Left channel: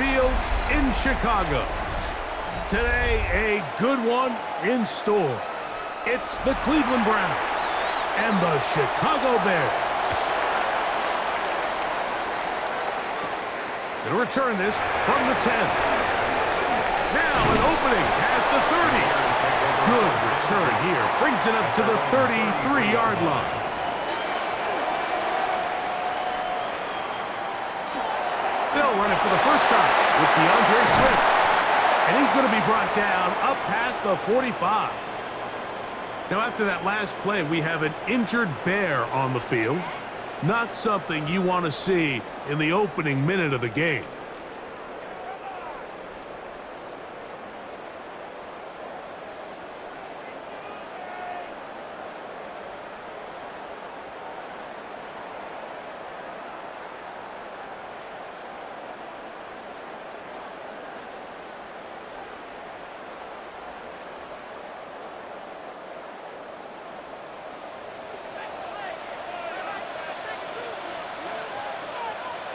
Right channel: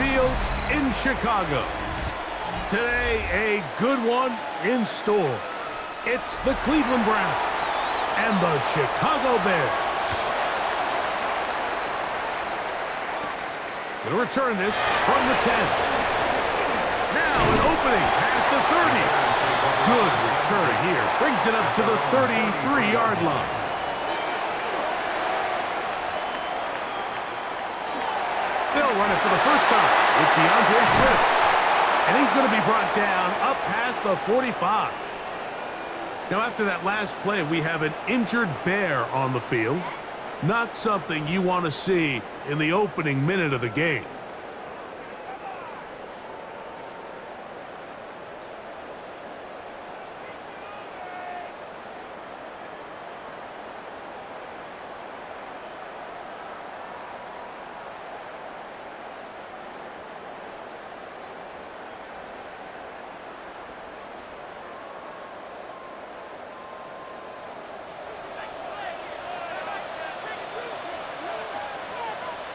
Field in Chicago. Today, a good one in store. It's the Cleveland Browns and the Chicago Bears. Going to return this from the 10. Now an opening past the 30. Good return here. Brings it up to the 33-yard line. They'll run it for the first time with DeAndre Swift. And he's going to be brought down up past the 45. Now, after that last play, we have an injured Bear on the field. Not something you want to see in the opening minute of the game.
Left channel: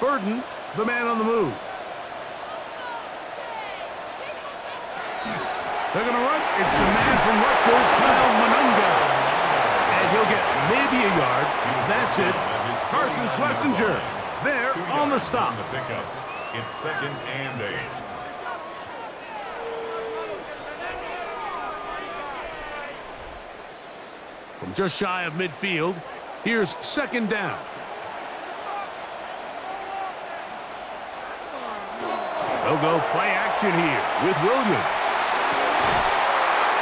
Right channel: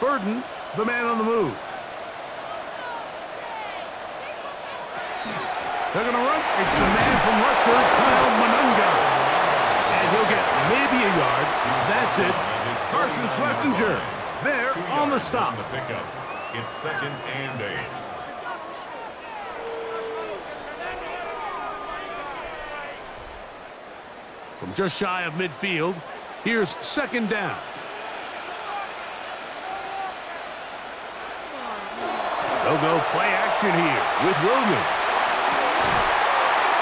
Burden, the man on the move. They're going to run. It's the man from Rutgers, Kyle Monunga. And he'll get maybe a yard. That's it. Carson Schlesinger there on the stop. It's 2nd and 8. From just shy of midfield, here's 2nd down. They'll go play action here with Williams.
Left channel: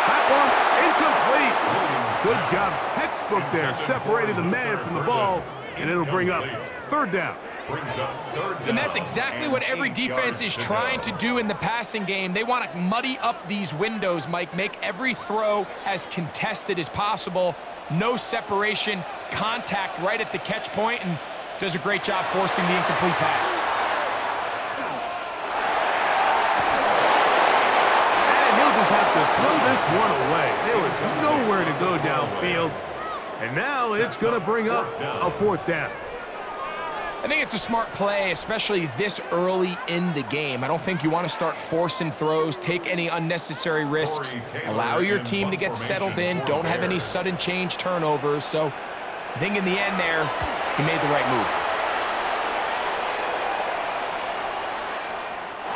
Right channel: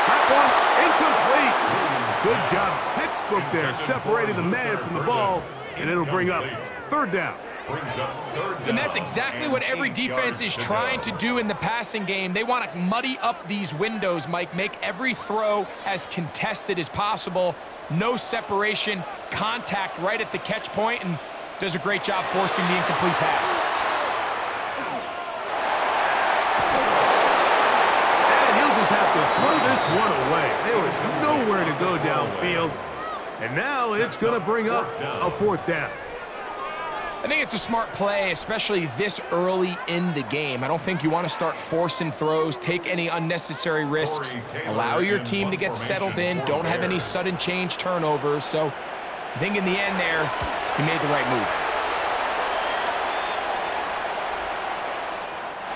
That one incomplete. Good job, textbook there, separating the man from the ball, and it'll bring up 3rd down. And that's exactly what every defense is trying to do in the passing game. They want to muddy up these windows, Mike, make every throw as contested as possible. No separation, contact right at the catch point, and does a great job forcing the incomplete pass. Have to throw this one away. There was nowhere to go downfield, and now it's going to bring up a 4th down. I think it's a smart play, especially this early in the game. I don't think you want to start forcing throws, take any unnecessary risks, allow your team to get settled in, don't have any sudden change turnovers. So I think in the end there, he made the right move.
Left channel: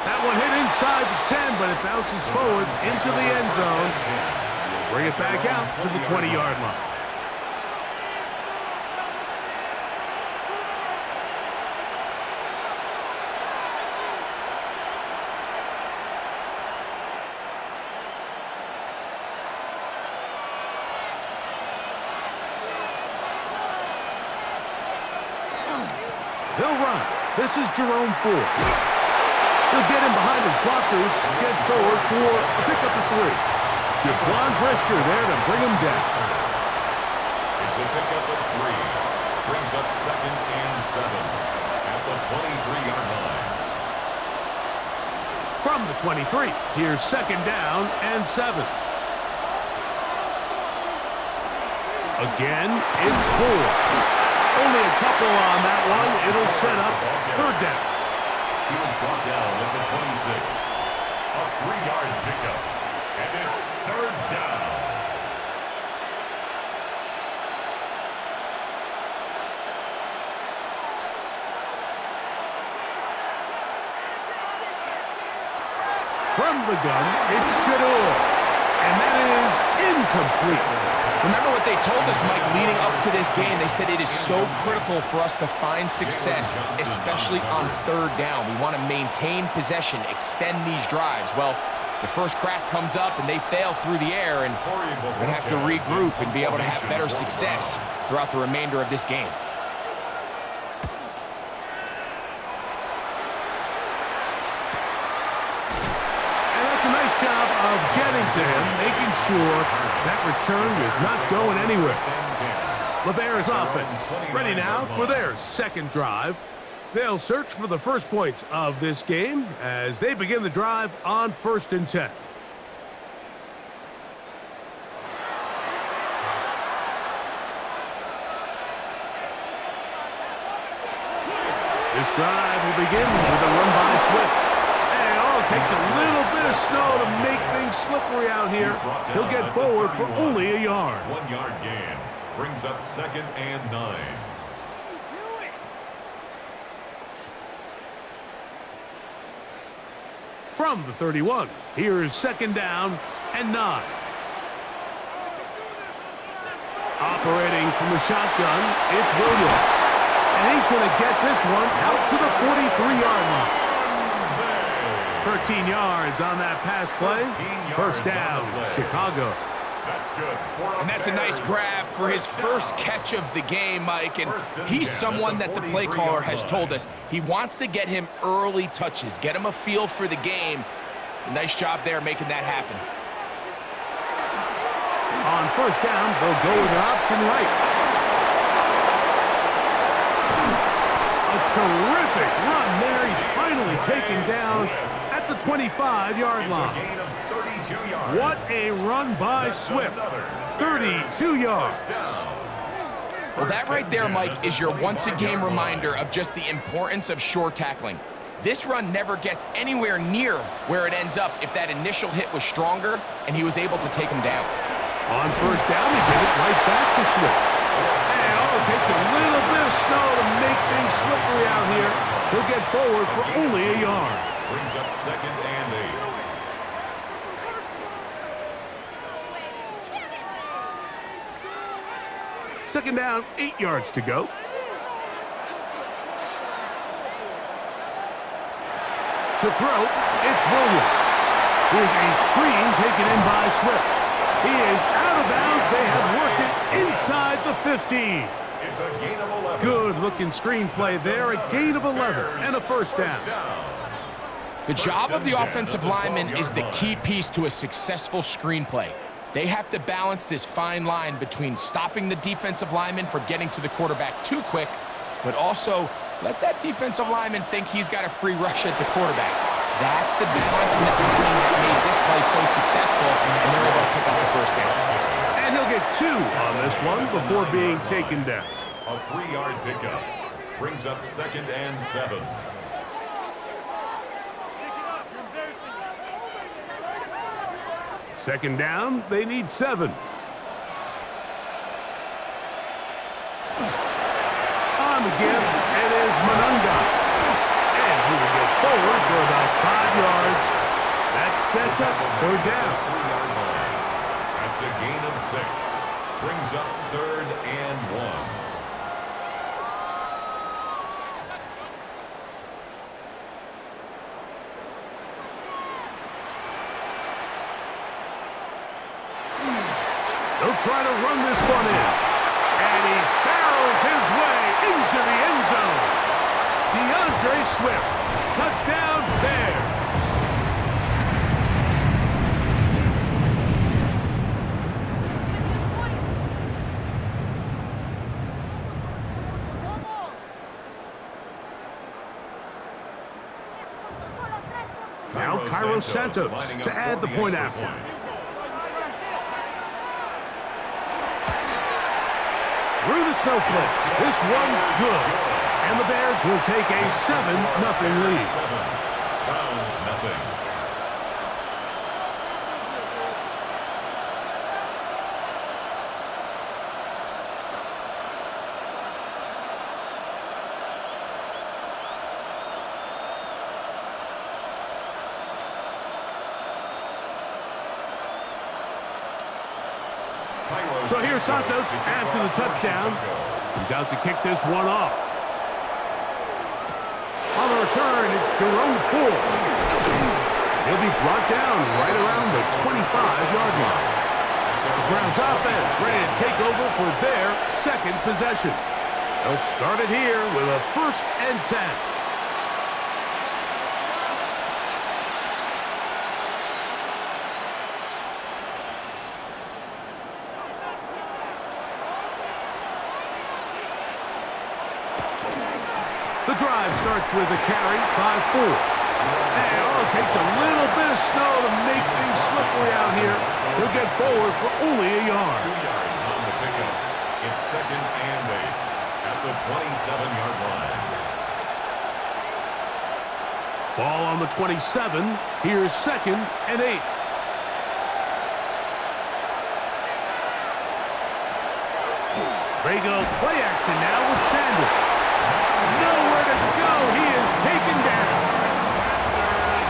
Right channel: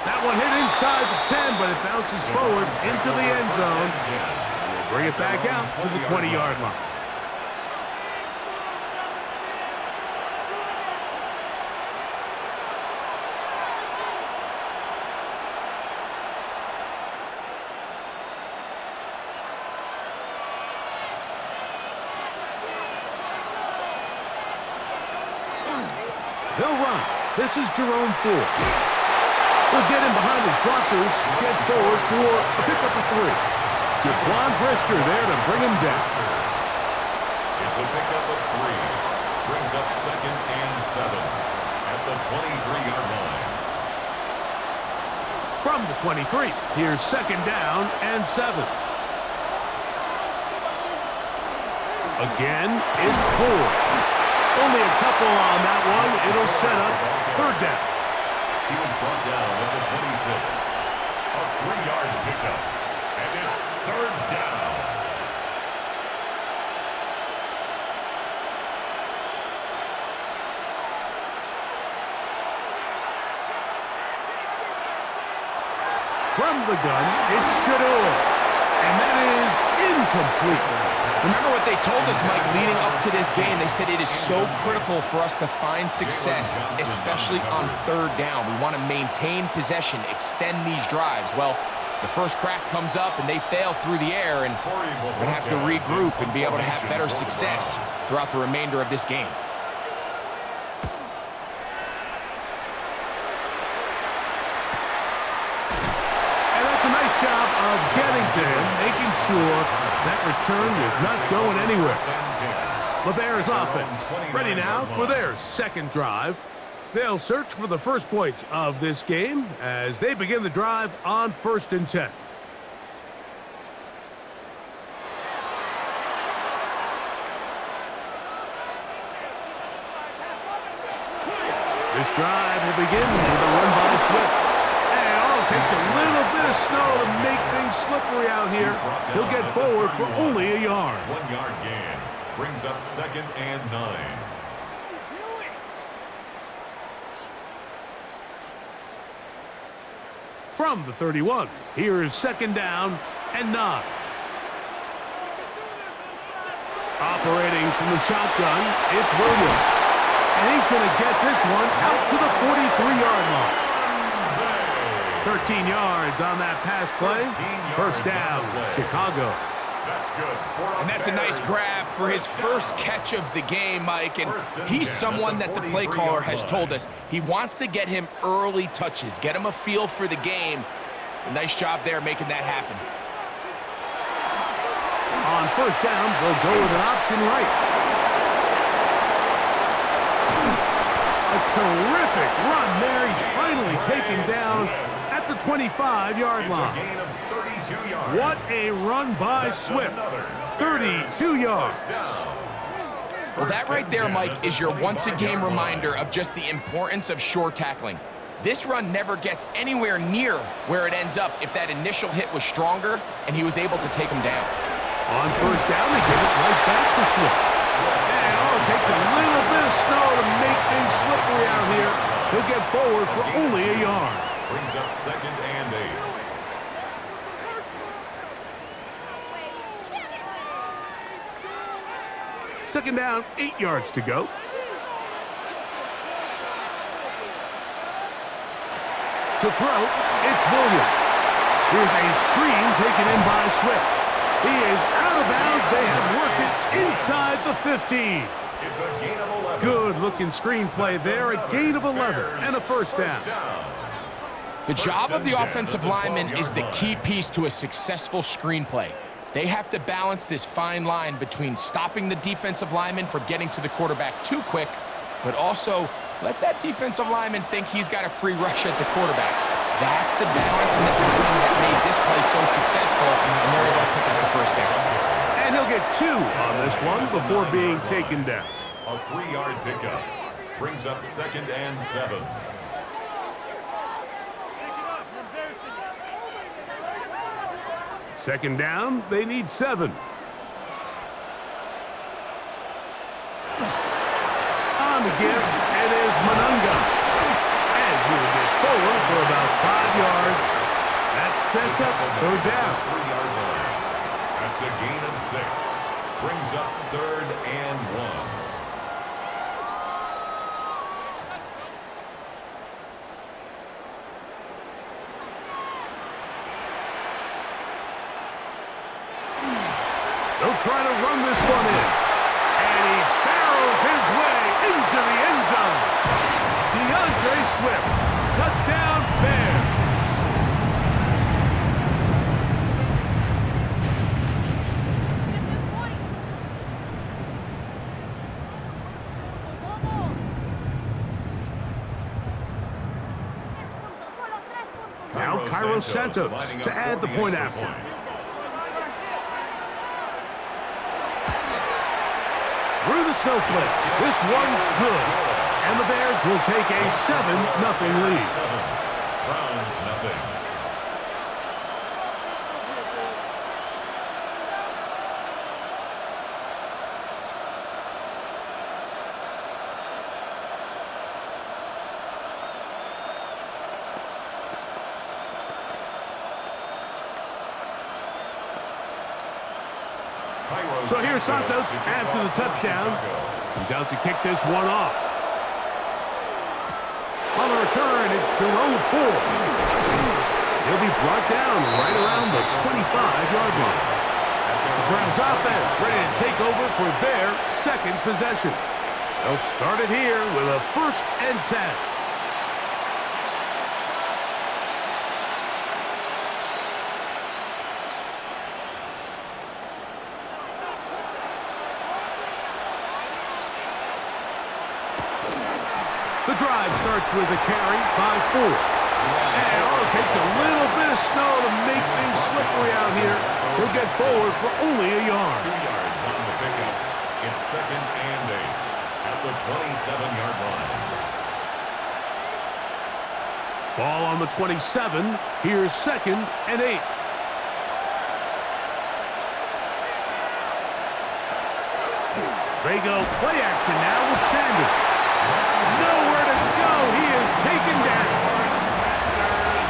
That one hit inside the 10, but it bounces forward into the end zone. We'll bring it back out to the 20-yard line. He'll run. This is Jerome Ford. He'll get in behind his blockers, get forward for a pickup of 3. Jaquan Brisker there to bring him down. It's a pickup of 3. Brings up 2nd and 7 at the 23-yard line. From the 23, here's 2nd down and 7. Again, it's Ford. Only a couple on that one. It'll set up 3rd down. He was brought down at the 26. A 3-yard pickup. And it's 3rd down. From the gun, it's Shador. And that is incomplete. Remember what they told us, Mike, leading up to this game. They said it is so critical for us to find success, especially on 3rd down. We want to maintain possession, extend these drives. Well, the first crack comes up and they fail through the air, and we're going to have to regroup and be able to have better success throughout the remainder of this game. A nice job of getting to him, making sure that return was not going anywhere. The Bears offense ready now for their 2nd drive. They'll search for the first points of this game as they begin the drive on 1st and 10. This drive will begin with a run by Swift. takes a little bit of snow to make things slippery out here. He'll get forward for only a yard. 1 yard gain. Brings up 2nd and 9. From the 31, here's 2nd down and 9. Operating from the shotgun, it's Williams. And he's going to get this one out to the 43-yard line. 13 yards on that pass play. 1st down, Chicago. That's good. And that's a nice grab for his first catch of the game, Mike. And he's someone that the play caller has told us he wants to get him early touches, get him a feel for the game. A nice job there making that happen. On 1st down, they'll go with an option right. A terrific run there. He's finally taken down at the 25-yard line. What a run by Swift. 32 yards. Well, that right there, Mike, is your once-a-game reminder of just the importance of shore tackling. This run never gets anywhere near where it ends up if that initial hit was stronger and he was able to take him down. On 1st down, they give it right back to Swift. And it takes a little bit of snow to make things slippery out here. He'll get forward for only a yard. Brings up 2nd and 8. Second down, 8 yards to go. To throw, it's Williams. Here's a screen taken in by Swift. He is out of bounds. They have worked it inside the 15. It's a gain of 11. Good-looking screenplay there. A gain of 11 and a 1st down. The job of the offensive lineman is the key piece to a successful screenplay. They have to balance this fine line between stopping the defensive lineman from getting to the quarterback too quick, but also let that defensive lineman think he's got a free rush at the quarterback. That's the balance and the timing that made this play so successful, and they're able to pick up the 1st down. And he'll get 2 on this one before being taken down. A 3-yard pickup. Brings up 2nd and 7. Second down, they need 7. On the give, it is Monunga. And he will get forward for about 5 yards. That sets up 3rd down. 3-yard line. That's a gain of 6. Brings up 3rd and 1. They'll try to run this one in. And he barrels his way into the end zone. DeAndre Swift. Touchdown, Bears. Now Cairo Santos to add the point after. Through the snowflakes, this one good. And the Bears will take a 7-0 lead. Browns nothing. So here's Santos after the touchdown. He's out to kick this one off. On the return, it's Jerome Ford. He'll be brought down right around the 25-yard line. The Browns offense ready to take over for their 2nd possession. They'll start it here with a 1st and 10. The drive starts with a carry by Ford. And it takes a little bit of snow to make things slippery out here. He'll get forward for only a yard. 2 yards on the pickup. It's 2nd and 8 at the 27-yard line. Ball on the 27. Here's 2nd and 8. They go play action now with Sanders. Nowhere to go. He is taken down.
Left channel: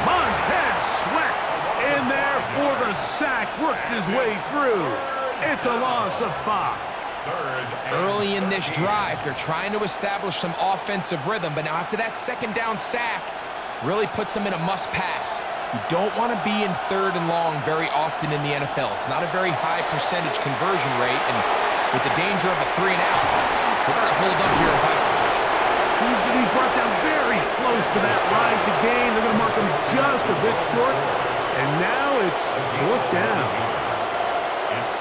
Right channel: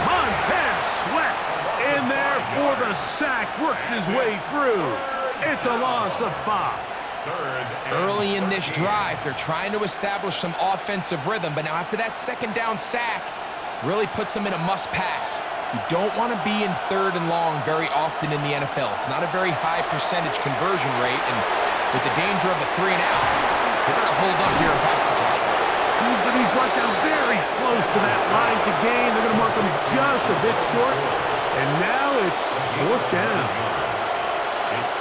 Montez Sweat in there for the sack. Worked his way through. It's a loss of 5. Early in this drive, they're trying to establish some offensive rhythm, but now after that 2nd down sack, really puts them in a must-pass. You don't want to be in 3rd and long very often in the NFL. It's not a very high percentage conversion rate, and with the danger of a 3 and out, they better hold up here in pass protection. He's going to be brought down very close to that line to gain. They're going to mark him just a bit short, and now it's 4th down.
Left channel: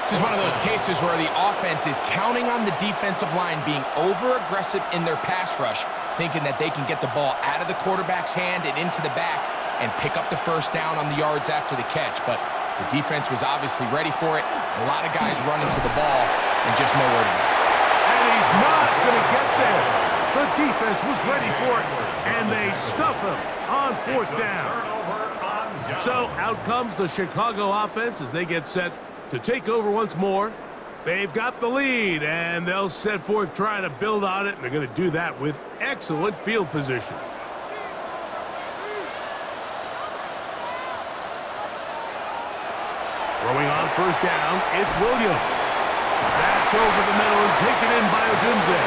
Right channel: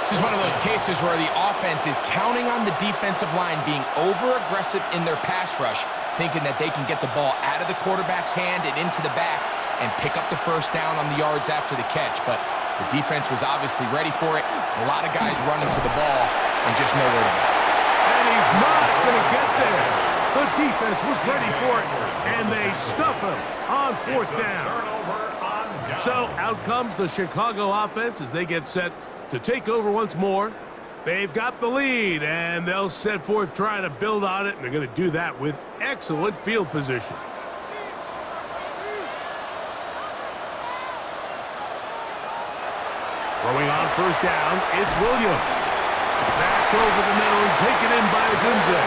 This is one of those cases where the offense is counting on the defensive line being over-aggressive in their pass rush, thinking that they can get the ball out of the quarterback's hand and into the back and pick up the 1st down on the yards after the catch. But the defense was obviously ready for it. A lot of guys running to the ball and just nowhere to go. And he's not going to get there. The defense was ready for it, and they stuff him on 4th down. So out comes the Chicago offense as they get set to take over once more. They've got the lead, and they'll set forth trying to build on it, and they're going to do that with excellent field position. Throwing on 1st down, it's Williams. That's over the middle and taken in by Odunze.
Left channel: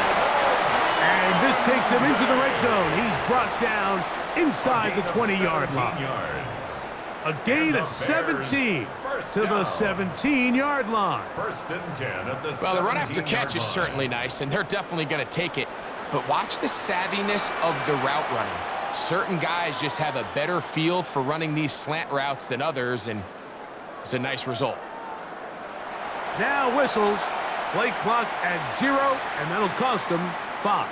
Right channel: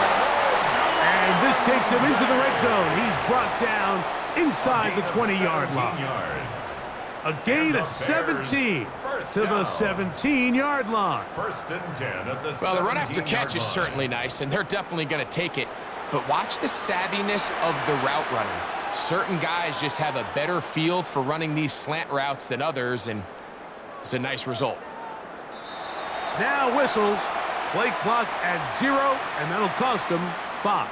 And this takes him into the red zone. He's brought down inside the 20-yard line. A gain of 17 to the 17-yard line. 1st and 10 at the Well, the run after catch is certainly nice, and they're definitely going to take it. But watch the savviness of the route running. Certain guys just have a better feel for running these slant routes than others, and it's a nice result. Now whistles. Play clock at 0, and that'll cost them 5.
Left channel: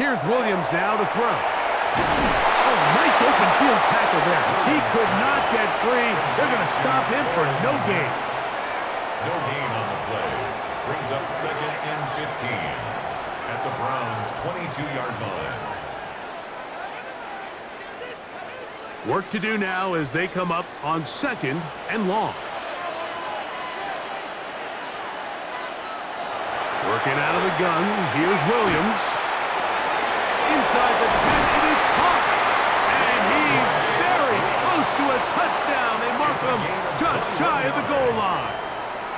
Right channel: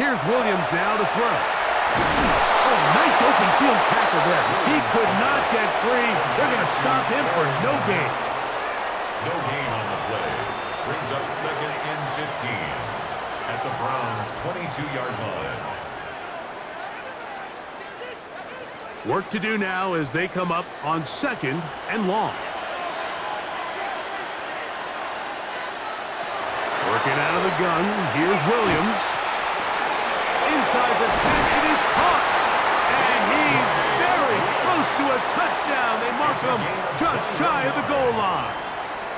Here's Williams now to throw. Oh, nice open field tackle there. He could not get free. They're going to stop him for no gain. No gain on the play. Brings up 2nd and 15 at the Browns' 22-yard line. Work to do now as they come up on 2nd and long. Working out of the gun. Here's Williams. Inside the 10, it is caught. And he's very close to a touchdown. They mark him just shy of the goal line.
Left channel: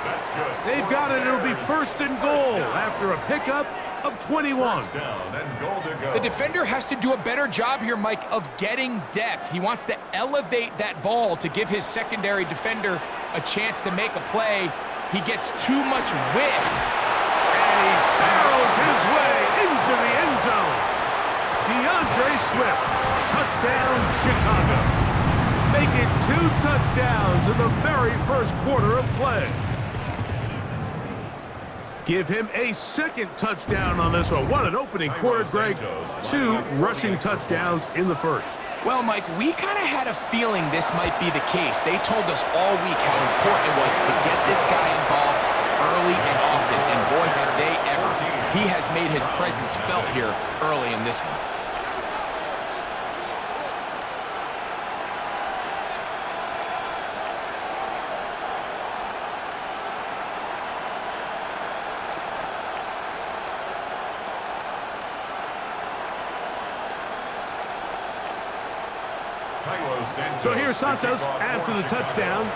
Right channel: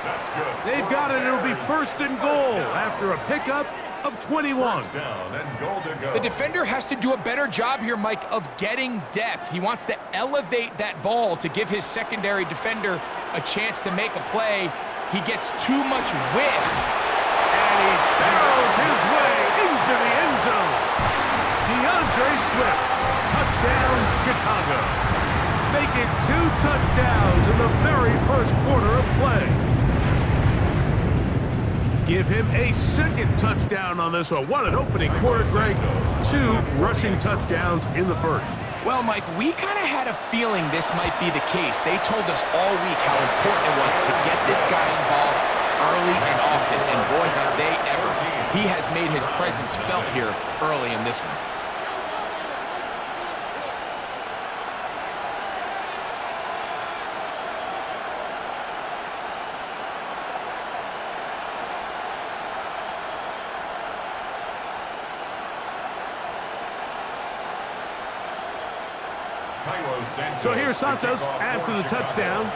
That's good. They've got it. It'll be 1st and goal after a pickup of 21. 1st down and goal to go. The defender has to do a better job here, Mike, of getting depth. He wants to elevate that ball to give his secondary defender a chance to make a play. He gets too much width. And he barrels his way into the end zone. DeAndre Swift, touchdown Chicago. Make it 2 touchdowns in the very 1st quarter of play. Give him a 2nd touchdown on this one. What an opening quarter, Greg. 2 rushing touchdowns in the 1st. Well, Mike, we kind of had a feeling this might be the case. They told us all week how important it was to get this guy involved early and often, and boy, have they ever. He has made his presence felt here early in this one. So here's Santos after the touchdown.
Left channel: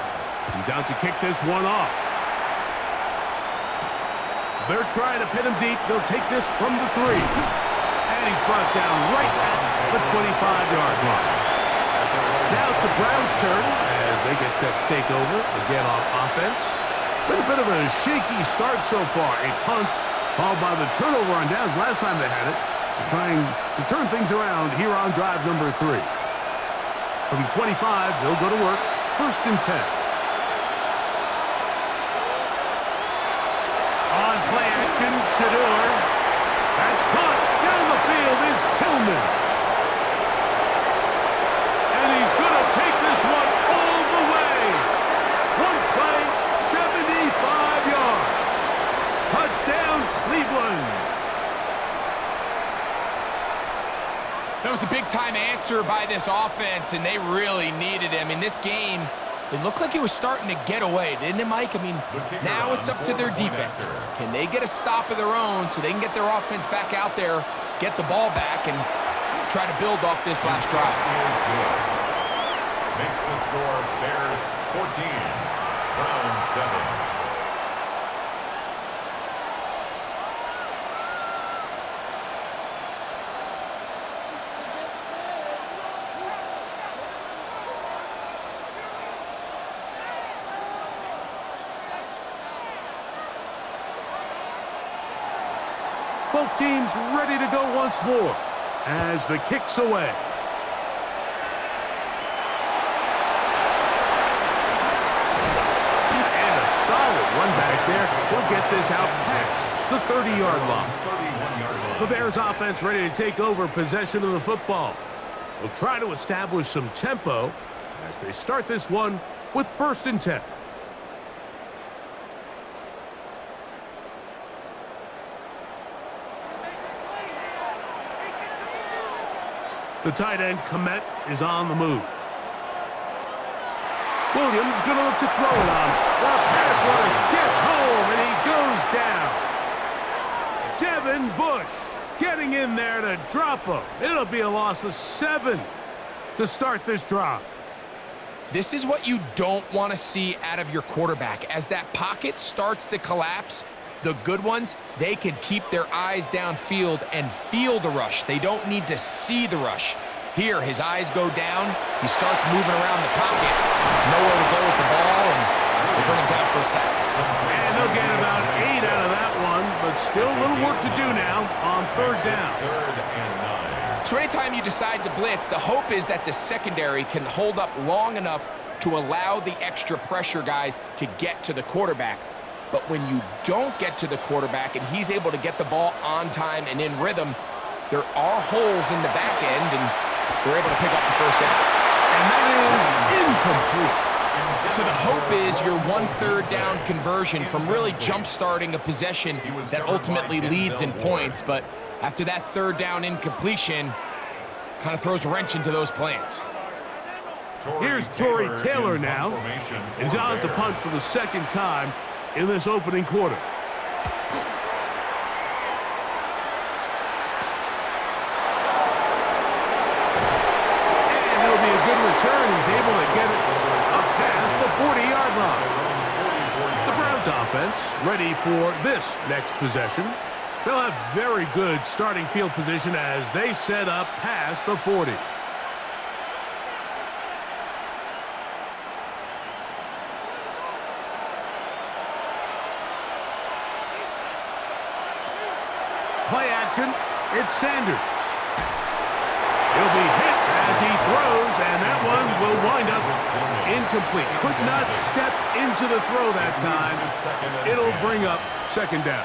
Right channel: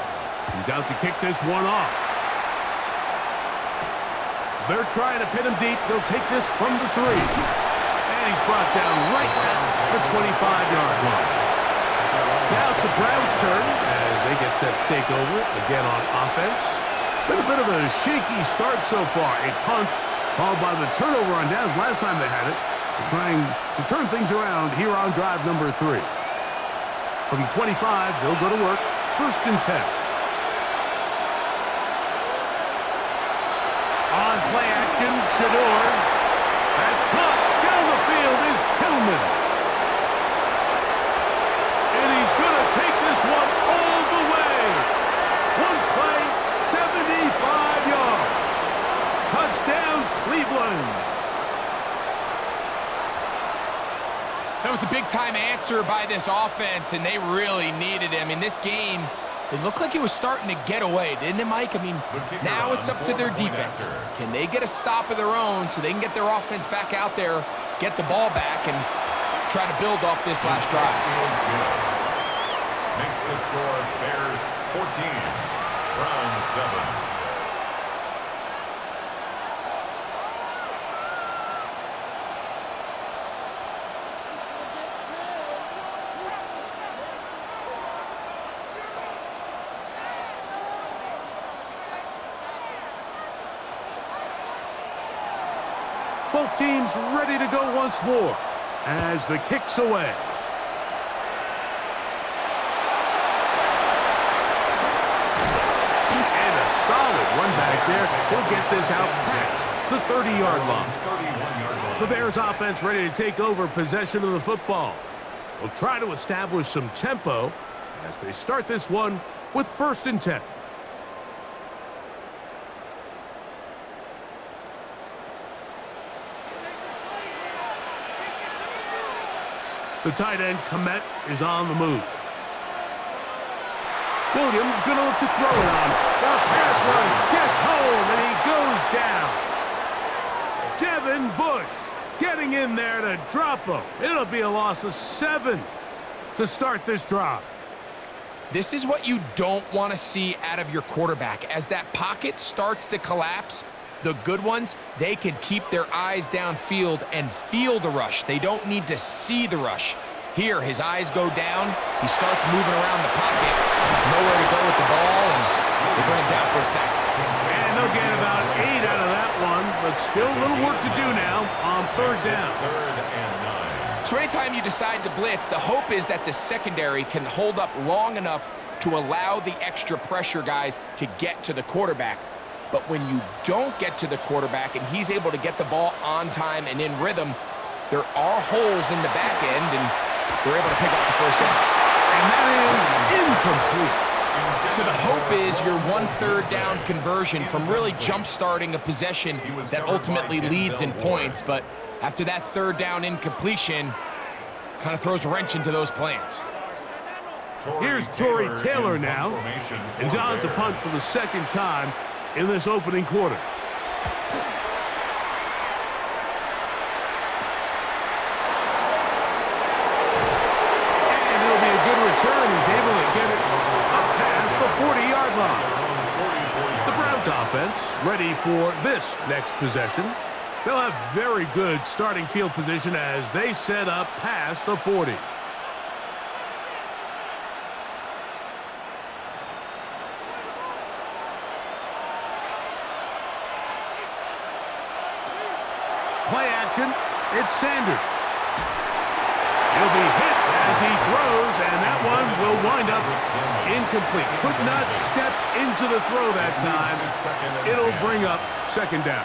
He's out to kick this one off. They're trying to pin him deep. They'll take this from the 3. And he's brought down right at the 25-yard line. Now it's the Browns' turn as they get set to take over again on offense. Been a bit of a shaky start so far. A punt followed by the turnover on downs last time they had it. So trying to turn things around here on drive number 3. From the 25, they'll go to work. 1st and 10. On play action, Shador. That's caught. Down the field is Tillman. And he's going to take this one all the way. One play, 75 yards. Touchdown, Cleveland. That was a big-time answer by this offense, and they really needed him. In this game, it looked like he was starting to get away, didn't it, Mike? I mean, now it's up to their defense. Can they get a stop of their own so they can get their offense back out there, get the ball back, and try to build off this last drive? Makes the score Bears 14, Browns 7. Both teams ready to go once more as the kick's away. And a solid run back there. He'll get this out past the 30-yard line. The Bears offense ready to take over possession of the football. They'll try to establish some tempo as they start this one with 1st and 10. The tight end, Komet, is on the move. Williams going to look to throw it on. The pass rush gets home, and he goes down. Devin Bush getting in there to drop him. It'll be a loss of 7 to start this drive. This is what you don't want to see out of your quarterback. As that pocket starts to collapse, the good ones, they can keep their eyes downfield and feel the rush. They don't need to see the rush. Here, his eyes go down. He starts moving around the pocket. Nowhere to go with the ball, and they bring him down for a sack. And they'll get about 8 out of that one, but still a little work to do now on 3rd down. 3rd and 9. So anytime you decide to blitz, the hope is that the secondary can hold up long enough to allow the extra pressure guys to get to the quarterback. But when you don't get to the quarterback and he's able to get the ball on time and in rhythm, there are holes in the back end, and they're able to pick up the 1st down. And that is incomplete. So the hope is your 1/3 down conversion from really jump-starting a possession that ultimately leads in points. But after that 3rd down incompletion, kind of throws a wrench into those plans. Here's Torrey Taylor now. And he's on to punt for the 2nd time in this opening quarter. And it'll be a good return. He's able to get it up past the 40-yard line. The Browns offense ready for this next possession. They'll have very good starting field position as they set up past the 40. Play action, it's Sanders. He'll be hit as he throws, and that one will wind up incomplete. Could not step into the throw that time. It'll bring up 2nd down.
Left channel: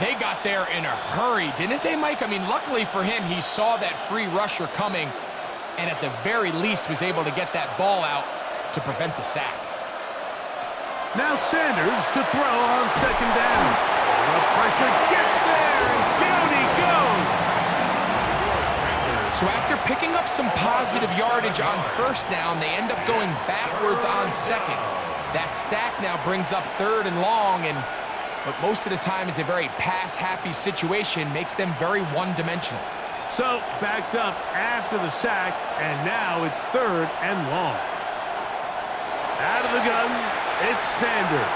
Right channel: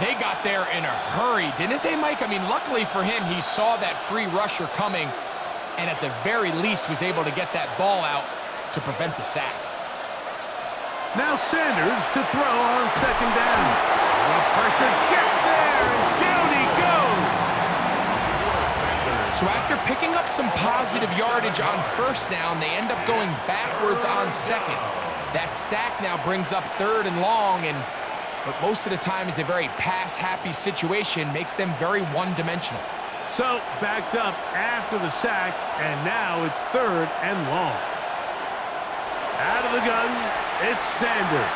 They got there in a hurry, didn't they, Mike? I mean, luckily for him, he saw that free rusher coming, and at the very least was able to get that ball out to prevent the sack. Now Sanders to throw on 2nd down. The pressure gets there, and down he goes. So after picking up some positive yardage on 1st down, they end up going backwards on 2nd. That sack now brings up 3rd and long, but most of the time is a very pass-happy situation, makes them very one-dimensional. So backed up after the sack, and now it's 3rd and long. Out of the gun, it's Sanders.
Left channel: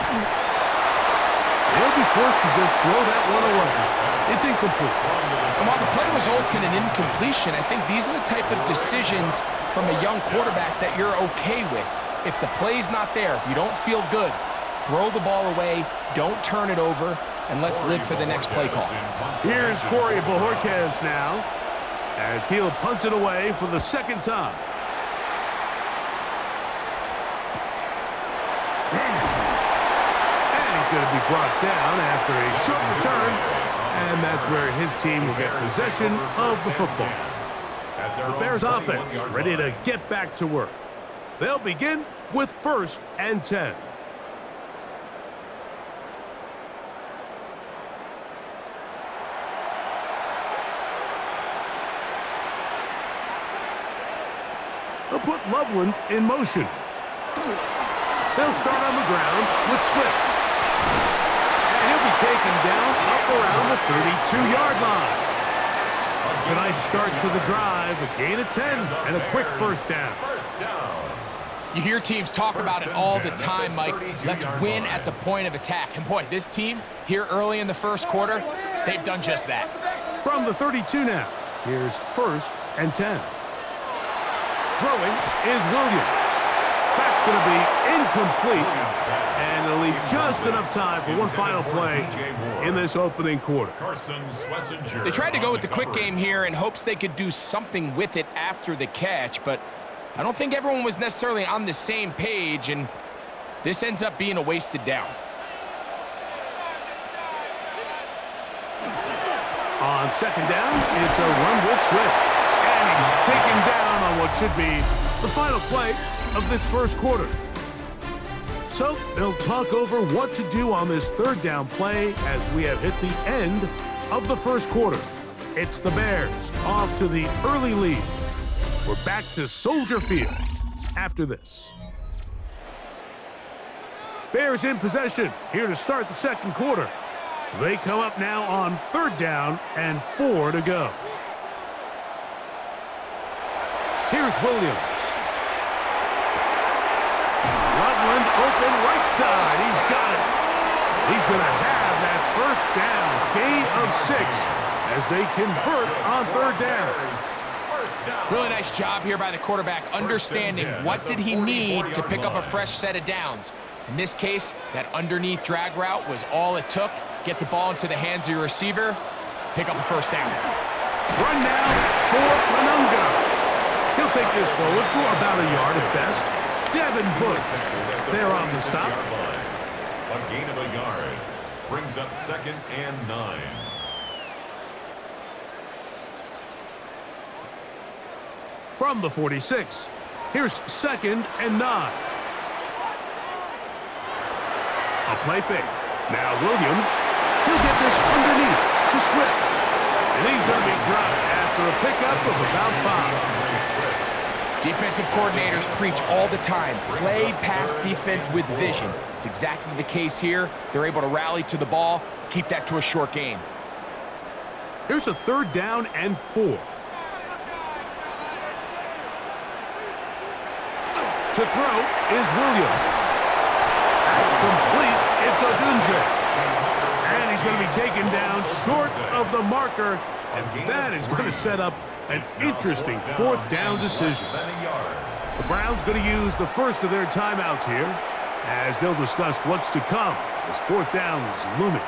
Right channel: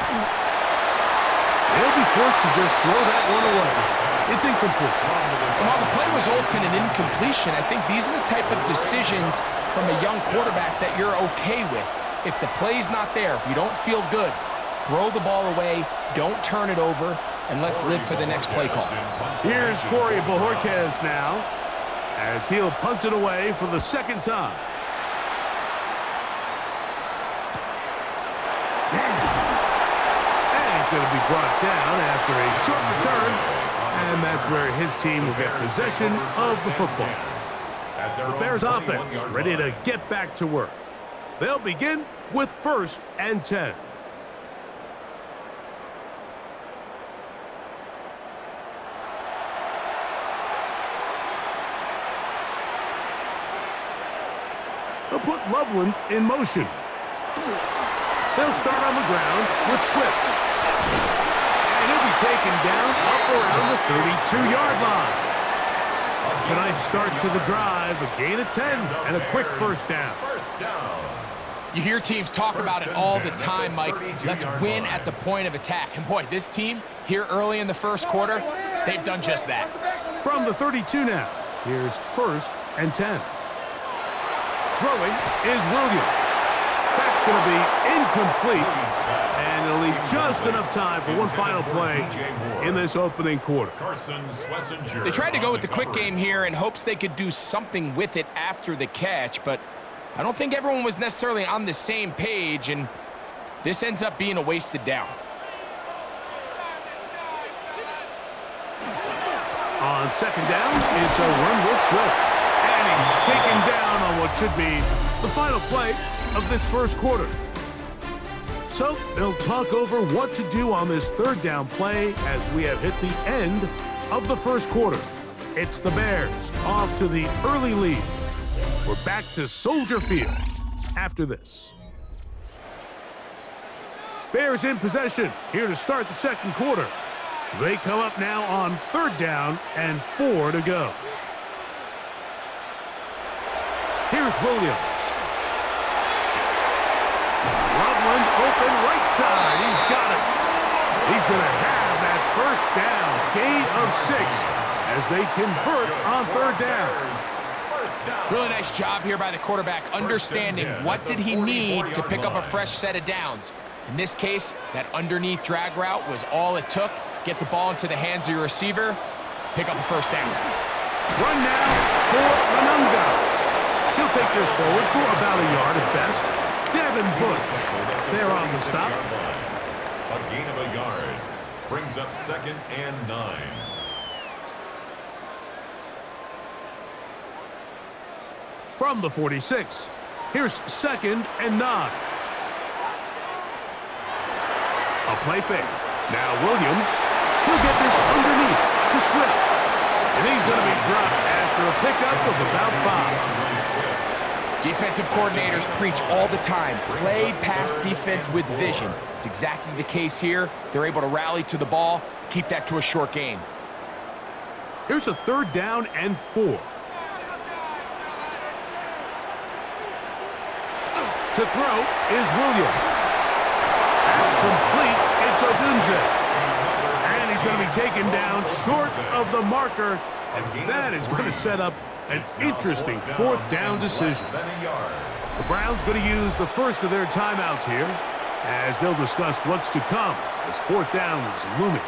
They'll be forced to just throw that one away. It's incomplete. And while the play results in an incompletion, I think these are the type of decisions from a young quarterback that you're okay with. If the play's not there, if you don't feel good, throw the ball away, don't turn it over, and let's live for the next play call. Here's Corey Bojorquez now, as he'll punt it away for the 2nd time. going to be brought down after a short return, and that's where his team will get possession of the football. The Bears offense ready to get back to work. They'll begin with 1st and 10. They'll put Loveland in motion. They'll start on the ground with Swift. And he'll be taken down up around the 32-yard line. It's a nice start to the drive, a gain of 10, and a quick first down. You hear teams talk about it all the time, Mike. Let's win at the point of attack. And boy, this team here early in the first quarter, they've done just that. From the 32 now, here's 1st and 10. Throwing is Williams. That's going to be incomplete, and it'll leave just enough time for one final play in this opening quarter. They tried to go with the quick game here in hopes they could do something with it after the catch, but I don't think everyone was necessarily on the same page, and this ends up being a wasted down. On 2nd down, it's a run with Swift, and he's taken down on what should be the final play of this first quarter. So they'll talk over what to do on this 3rd down play as we have hit the end of the first quarter. It's the Bears off to the early lead. We're back to Soldier Field after this. Bears in possession here to start the 2nd quarter. They come up now on 3rd down and 4 to go. Here's Williams. Loveland open right side. He's got it. He's going to have that first down. Gain of 6 as they convert on 3rd down. Really nice job here by the quarterback, understanding what did he need to pick up a fresh set of downs. In this case, that underneath drag route was all it took. Get the ball into the hands of your receiver, pick up a first down. Run now for Renunga. He'll take this forward for about a yard at best. Devin Bush there on the stop. A gain of a yard brings up 2nd and 9. From the 46, here's 2nd and 9. A play fake. Now Williams, he'll get this underneath to Swift. And he's going to be dropped after a pickup of about 5. Defensive coordinators preach all the time, play pass defense with vision. It's exactly the case here. They're able to rally to the ball, keep that to a short gain. Here's a 3rd down and 4. To throw is Williams. That's complete. It's Odunze. And he's going to be taken down short of the marker, and that is going to set up an interesting 4th down decision. The Browns going to use the first of their timeouts here as they'll discuss what's to come as 4th down is looming.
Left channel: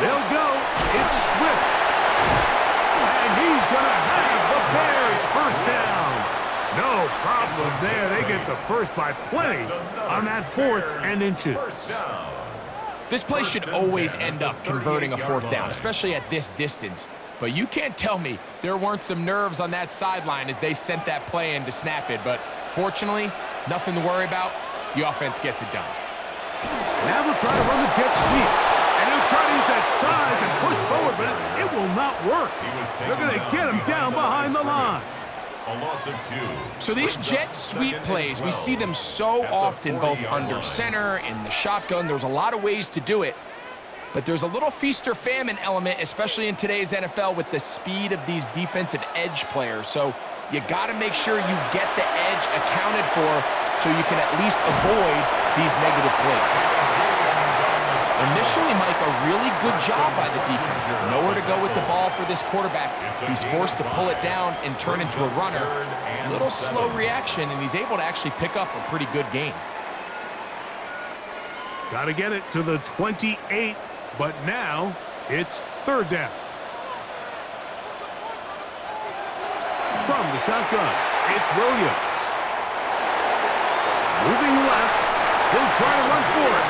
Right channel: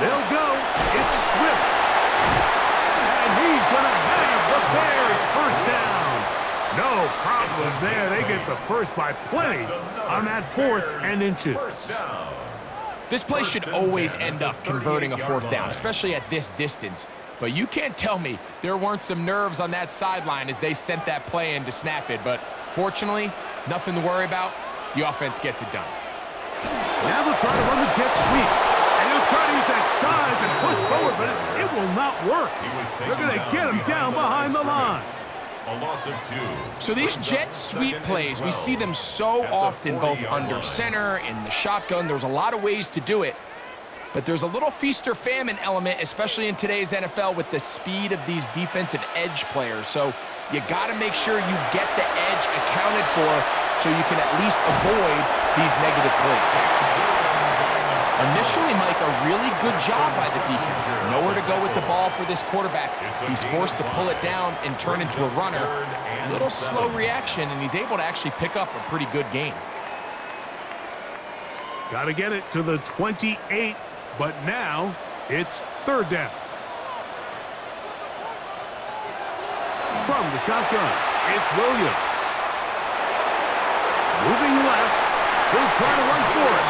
They'll go. It's Swift. And he's going to have the Bears first down. No problem there. They get the first by plenty on that 4th and inches. This play should always end up converting a 4th down, especially at this distance. But you can't tell me there weren't some nerves on that sideline as they sent that play in to snap it. But fortunately, nothing to worry about. The offense gets it done. Now they'll try to run the jet sweep. And he'll try to use that size and push forward, but it will not work. They're going to get him down behind the line. A loss of 2. So these jet sweep plays, we see them so often, both under center, in the shotgun. There's a lot of ways to do it. But there's a little feast or famine element, especially in today's NFL, with the speed of these defensive edge players. So you got to make sure you get the edge accounted for so you can at least avoid these negative plays. Initially, Mike, a really good job by the defense. Nowhere to go with the ball for this quarterback. He's forced to pull it down and turn into a runner. A little slow reaction, and he's able to actually pick up a pretty good gain. Got to get it to the 28, but now it's third down. From the shotgun, it's Williams. Moving left, he'll try to run for it.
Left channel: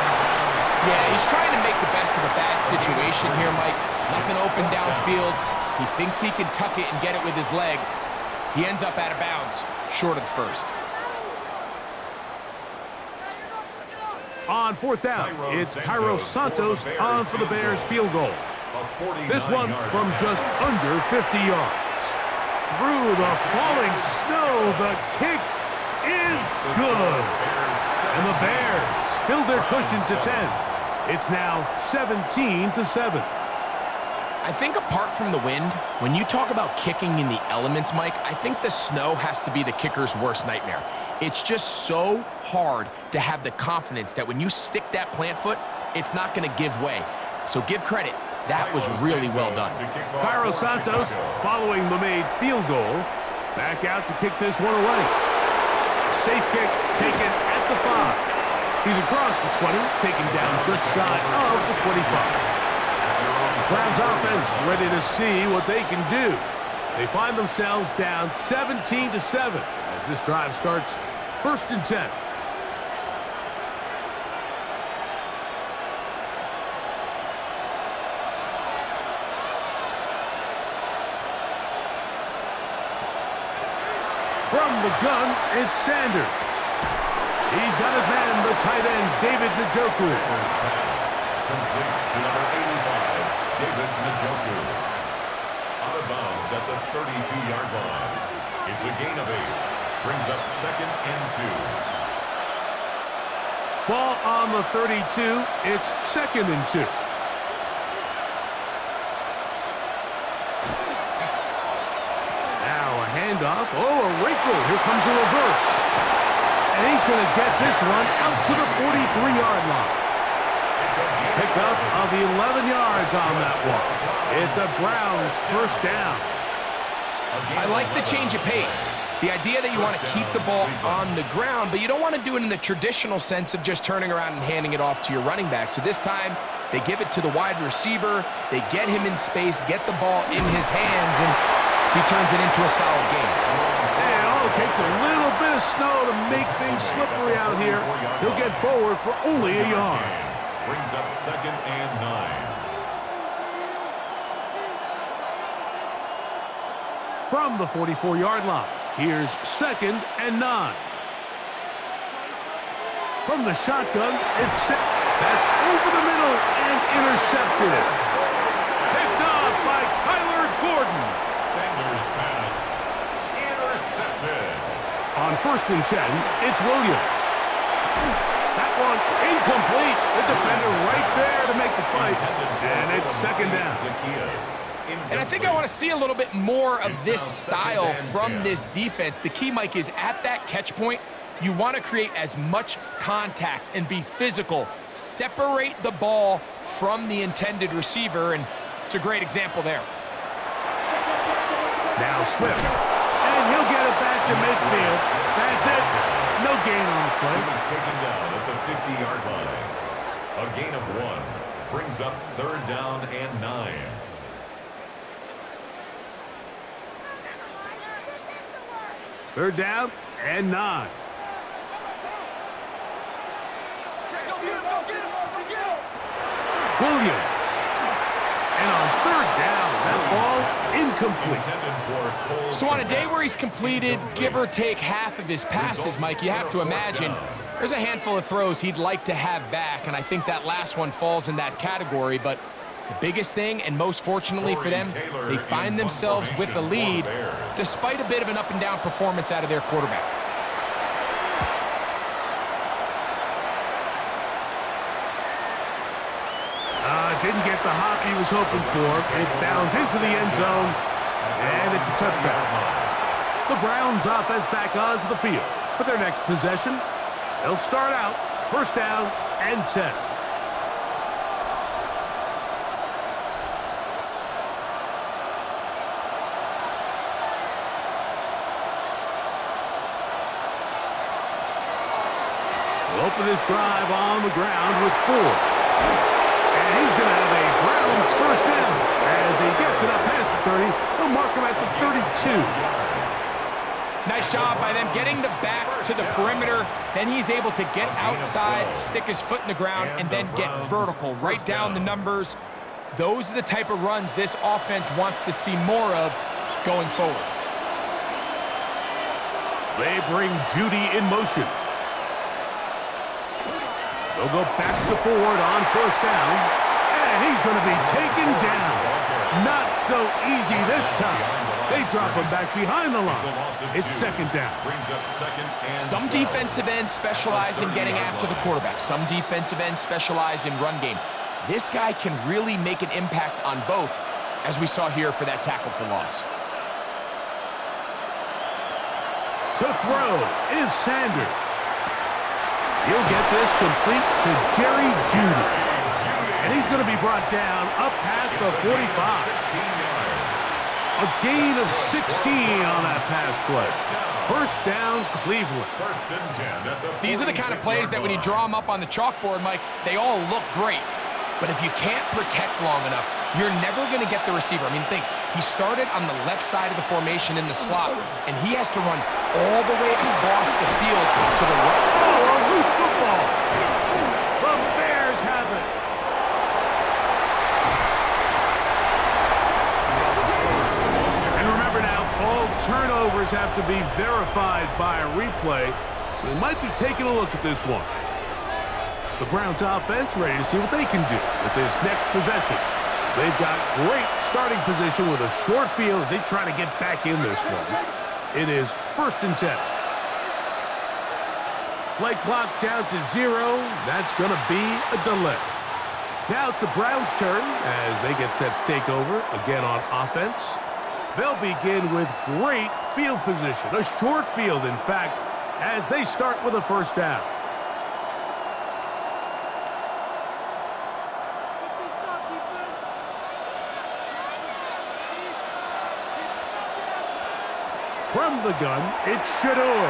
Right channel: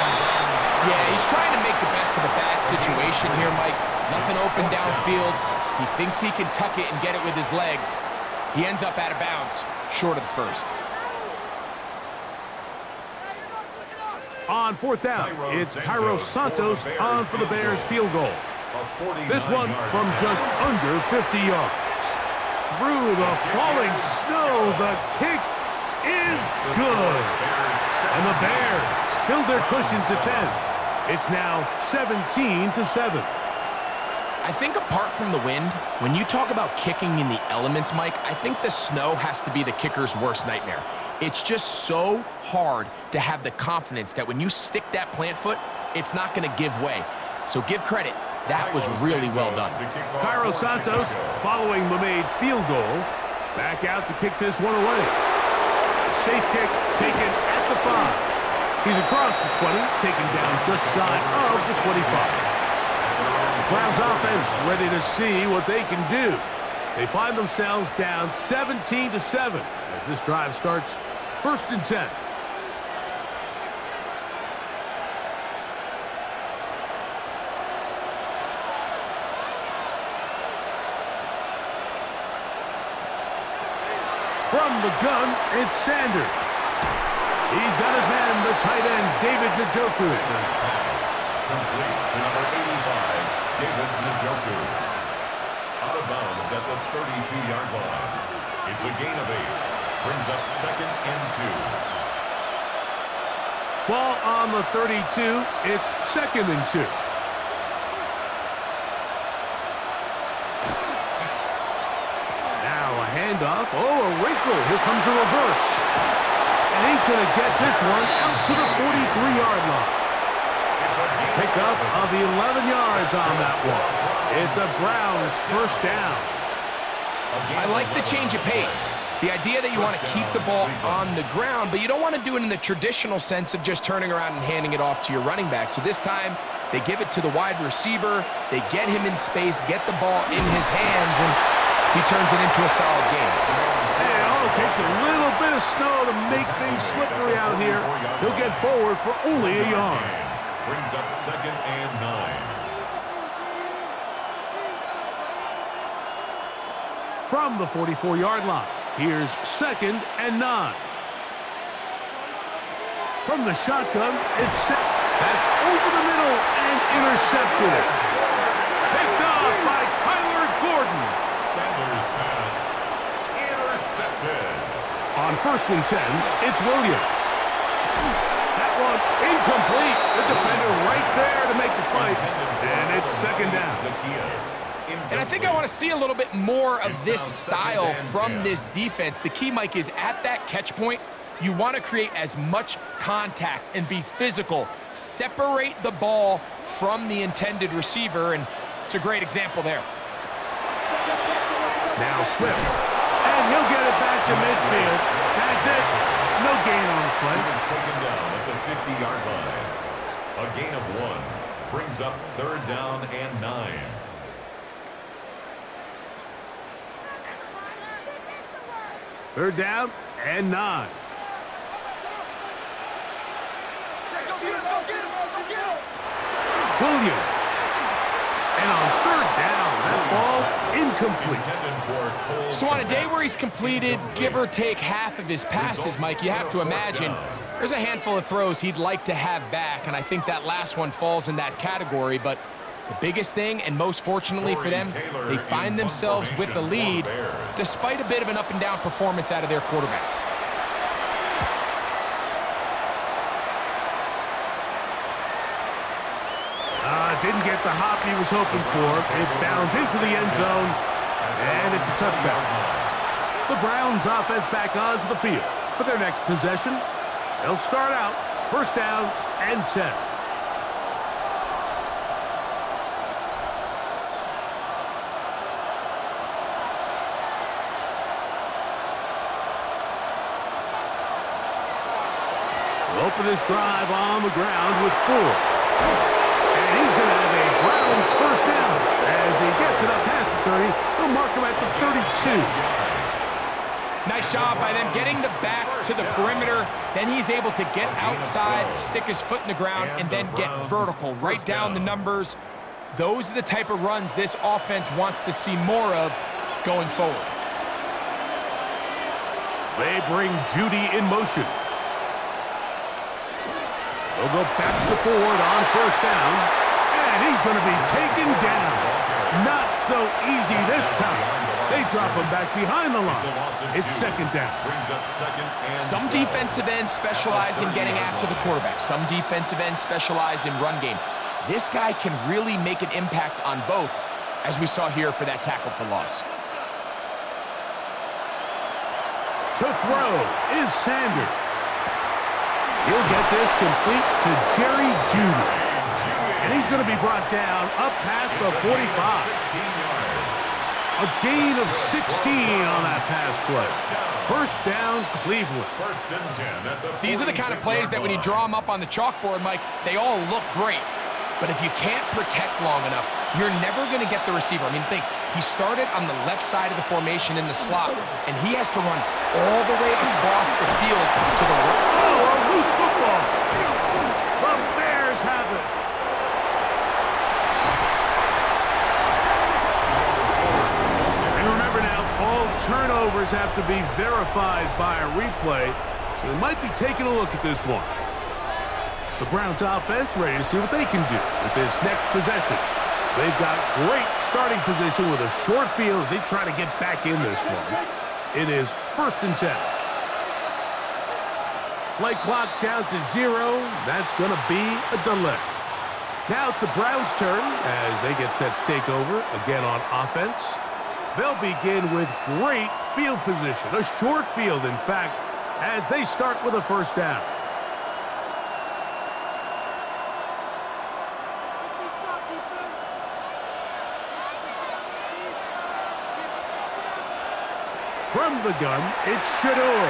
Yeah, he's trying to make the best of a bad situation here, Mike. Nothing open downfield. He thinks he can tuck it and get it with his legs. He ends up out of bounds, short of the first. On fourth down, it's Cairo Santos on for the Bears field goal. This one from just under 50 yards. Through the falling snow, the kick is good. And the Bears build their cushion to 10. It's now 17-7. I think apart from the wind, when you talk about kicking in the elements, Mike, I think the snow has to be the kicker's worst nightmare. It's just so hard to have the confidence that when you stick that plant foot, it's not going to give way. So give credit. That was really well done. Cairo Santos, following the made field goal, back out to kick this one away. Safe kick taken at the 5. He's across the 20, taken down just shy of the 25. Browns offense ready to see what they can do. They find themselves down 17-7 as this drive starts 1st and 10. From the gun, it's Sanders. He's got his man, the tight end, David Njoku. Sanders pass complete to number 85, David Njoku. Out of bounds at the 32-yard line. It's a gain of 8. Brings up 2nd and 2. Ball on the 32. It's 2nd and 2. Now a handoff. Oh, a wrinkle. Here comes a reverse. And he's going to get this one out to the 43-yard line. Pick up of 11 yards on that one. It's a Browns first down. I like the change of pace. The idea that you want to keep the ball on the ground, but you don't want to do it in the traditional sense of just turning around and handing it off to your running back. So this time, they give it to the wide receiver. They get him in space, get the ball in his hands, and he turns it into a solid game. Hey, it all takes a little bit of snow to make things slippery out here. He'll get forward for only a yard. Brings up 2nd and 9. From the 44-yard line, here's 2nd and 9. From the shotgun, it's set. That's over the middle and intercepted. Picked off by Kyler Gordon. Sanders pass intercepted. On 1st and 10, it's Williams. That one incomplete. The defender right there to make the play. And it's 2nd down. And I think I want to see a little bit more of this style from this defense. The key, Mike, is at that catch point, you want to create as much contact and be physical. Separate the ball from the intended receiver, and it's a great example there. Now Swift. And he'll get it back to midfield. That's it. No gain on the play. He was taken down at the 50-yard line. A gain of 1 brings up 3rd down and 9. Third down and 9. Williams. And on 3rd down, that ball incomplete. So on a day where he's completed, give or take half of his passes, Mike, you have to imagine there's a handful of throws he'd like to have back, and I think that last one falls in that category. But the biggest thing, and most fortunately for them, they find themselves with a lead despite a bit of an up-and-down performance out of their quarterback. Didn't get the hop he was hoping for. It bounds into the end zone, and it's a touchdown. The Browns offense back onto the field for their next possession. They'll start out First down and 10. He'll open this drive on the ground with 4. And he's going to have a Browns first down. As he gets it up past the 30, they'll mark him at the 32. Nice job by them getting the back to the perimeter. Then he's able to get outside, stick his foot in the ground, and then get vertical. Right down the numbers. Those are the type of runs this offense wants to see more of going forward. They bring Judy in motion. They'll go back to Ford on first down. And he's going to be taken down. Not so easy this time. They drop him back behind the line. It's second down. Some defensive ends specialize in getting after the quarterback. Some defensive ends specialize in run game. This guy can really make an impact on both, as we saw here for that tackle for loss. To throw is Sanders. He'll get this complete to Jerry Judy. And he's going to be brought down up past the 45. A gain of 16 on that pass play. First down, Cleveland. These are the kind of plays that when you draw them up on the chalkboard, Mike, they all look great. But if you can't protect long enough, you're never going to get the receiver. I mean, think, he started on the left side of the formation in the slot, and he has to run all the way across the field to the right. Oh, a loose football. The Bears have it. And remember now, all turnovers have to be verified by a replay, so they might be taking a look at this one. The Browns offense ready to see what they can do with this next possession. They've got great starting position with a short field as they try to get back in this one. It is first and 10. Play clock down to 0. That's going to be a delay. Now it's the Browns' turn as they get set to take over again on offense. They'll begin with great field position, a short field, in fact, as they start with a first down. From the gun, it's Shador.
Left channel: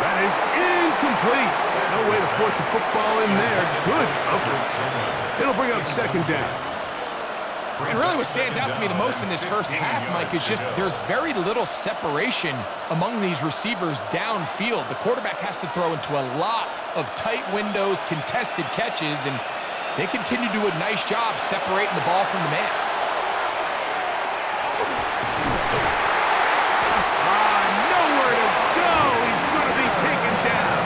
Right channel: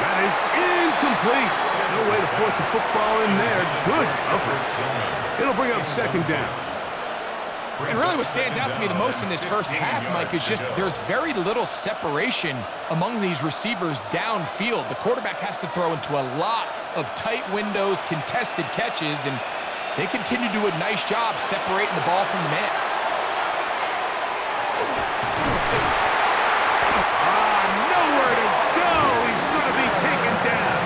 That is incomplete. No way to force the football in there. Good coverage. It'll bring up second down. And really what stands out to me the most in this first half, Mike, is just there's very little separation among these receivers downfield. The quarterback has to throw into a lot of tight windows, contested catches, and they continue to do a nice job separating the ball from the man. Nowhere to go. He's going to be taken down.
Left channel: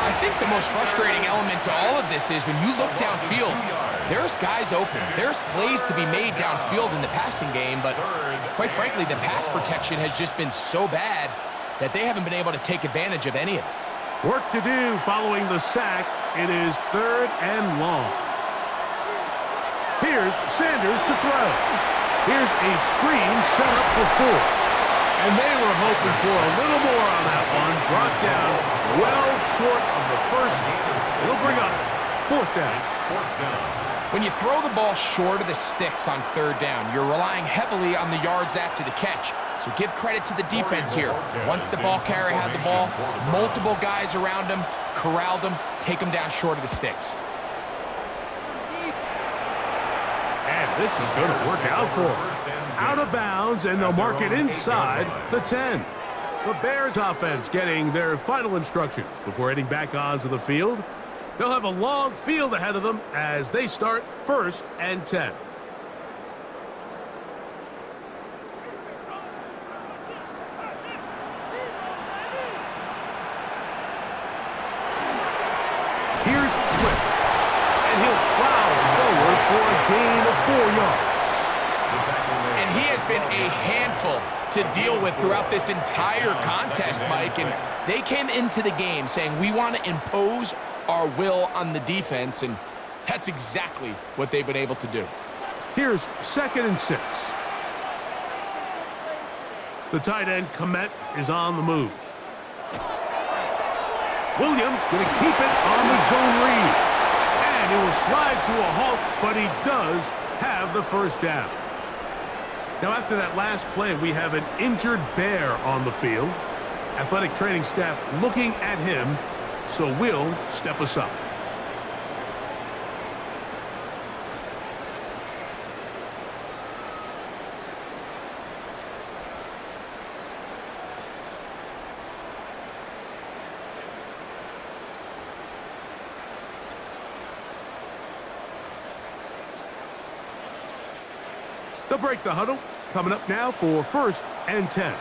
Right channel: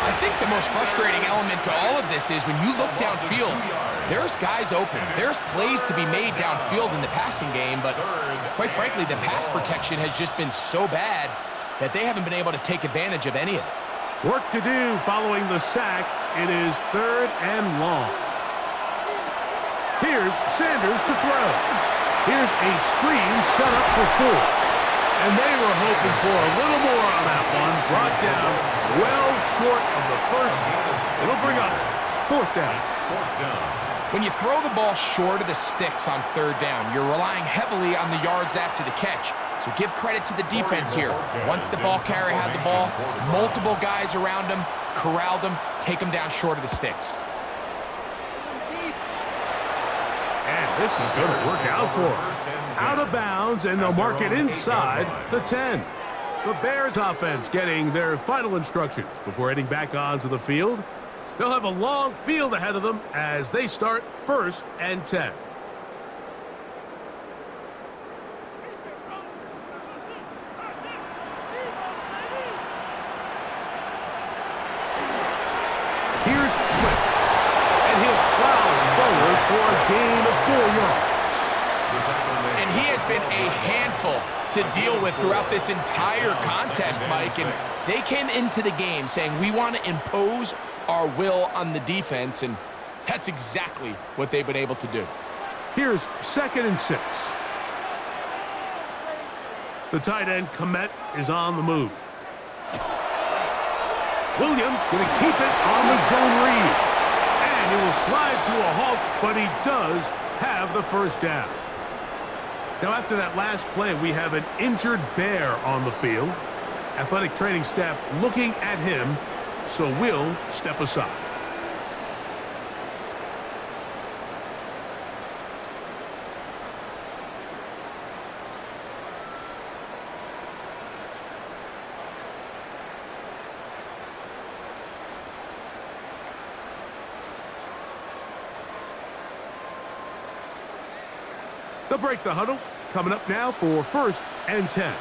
I think the most frustrating element to all of this is when you look downfield, there's guys open. There's plays to be made downfield in the passing game, but quite frankly, the pass protection has just been so bad that they haven't been able to take advantage of any of it. Work to do following the sack. It is third and long. Here's Sanders to throw. Here's a screen set up for 4. And they were hoping for a little more on that one. Brought down well short of the first. It'll bring up fourth down. When you throw the ball short of the sticks on third down, you're relying heavily on the yards after the catch. So give credit to the defense here. Once the ball carrier had the ball, multiple guys around him, corralled him, take him down short of the sticks. And this is going to work out for them. Out of bounds, and they'll mark it inside the 10. The Bears offense getting their final instructions before heading back onto the field. They'll have a long field ahead of them as they start first and 10. Here's Swift. And he'll plow forward for a gain of 4 yards. And he has been a handful to deal with throughout this entire contest, Mike. And they came into the game saying, we want to impose our will on the defense, and that's exactly what they've been able to do. Here's second and 6. The tight end, Komet, is on the move. Williams going to keep it on the zone read. And he will slide to a halt, but he does have the first down. Now, after that last play, we have an injured Bear on the field. Athletic training staff looking at him, so we'll step aside. They'll break the huddle. Coming up now for 1st and 10.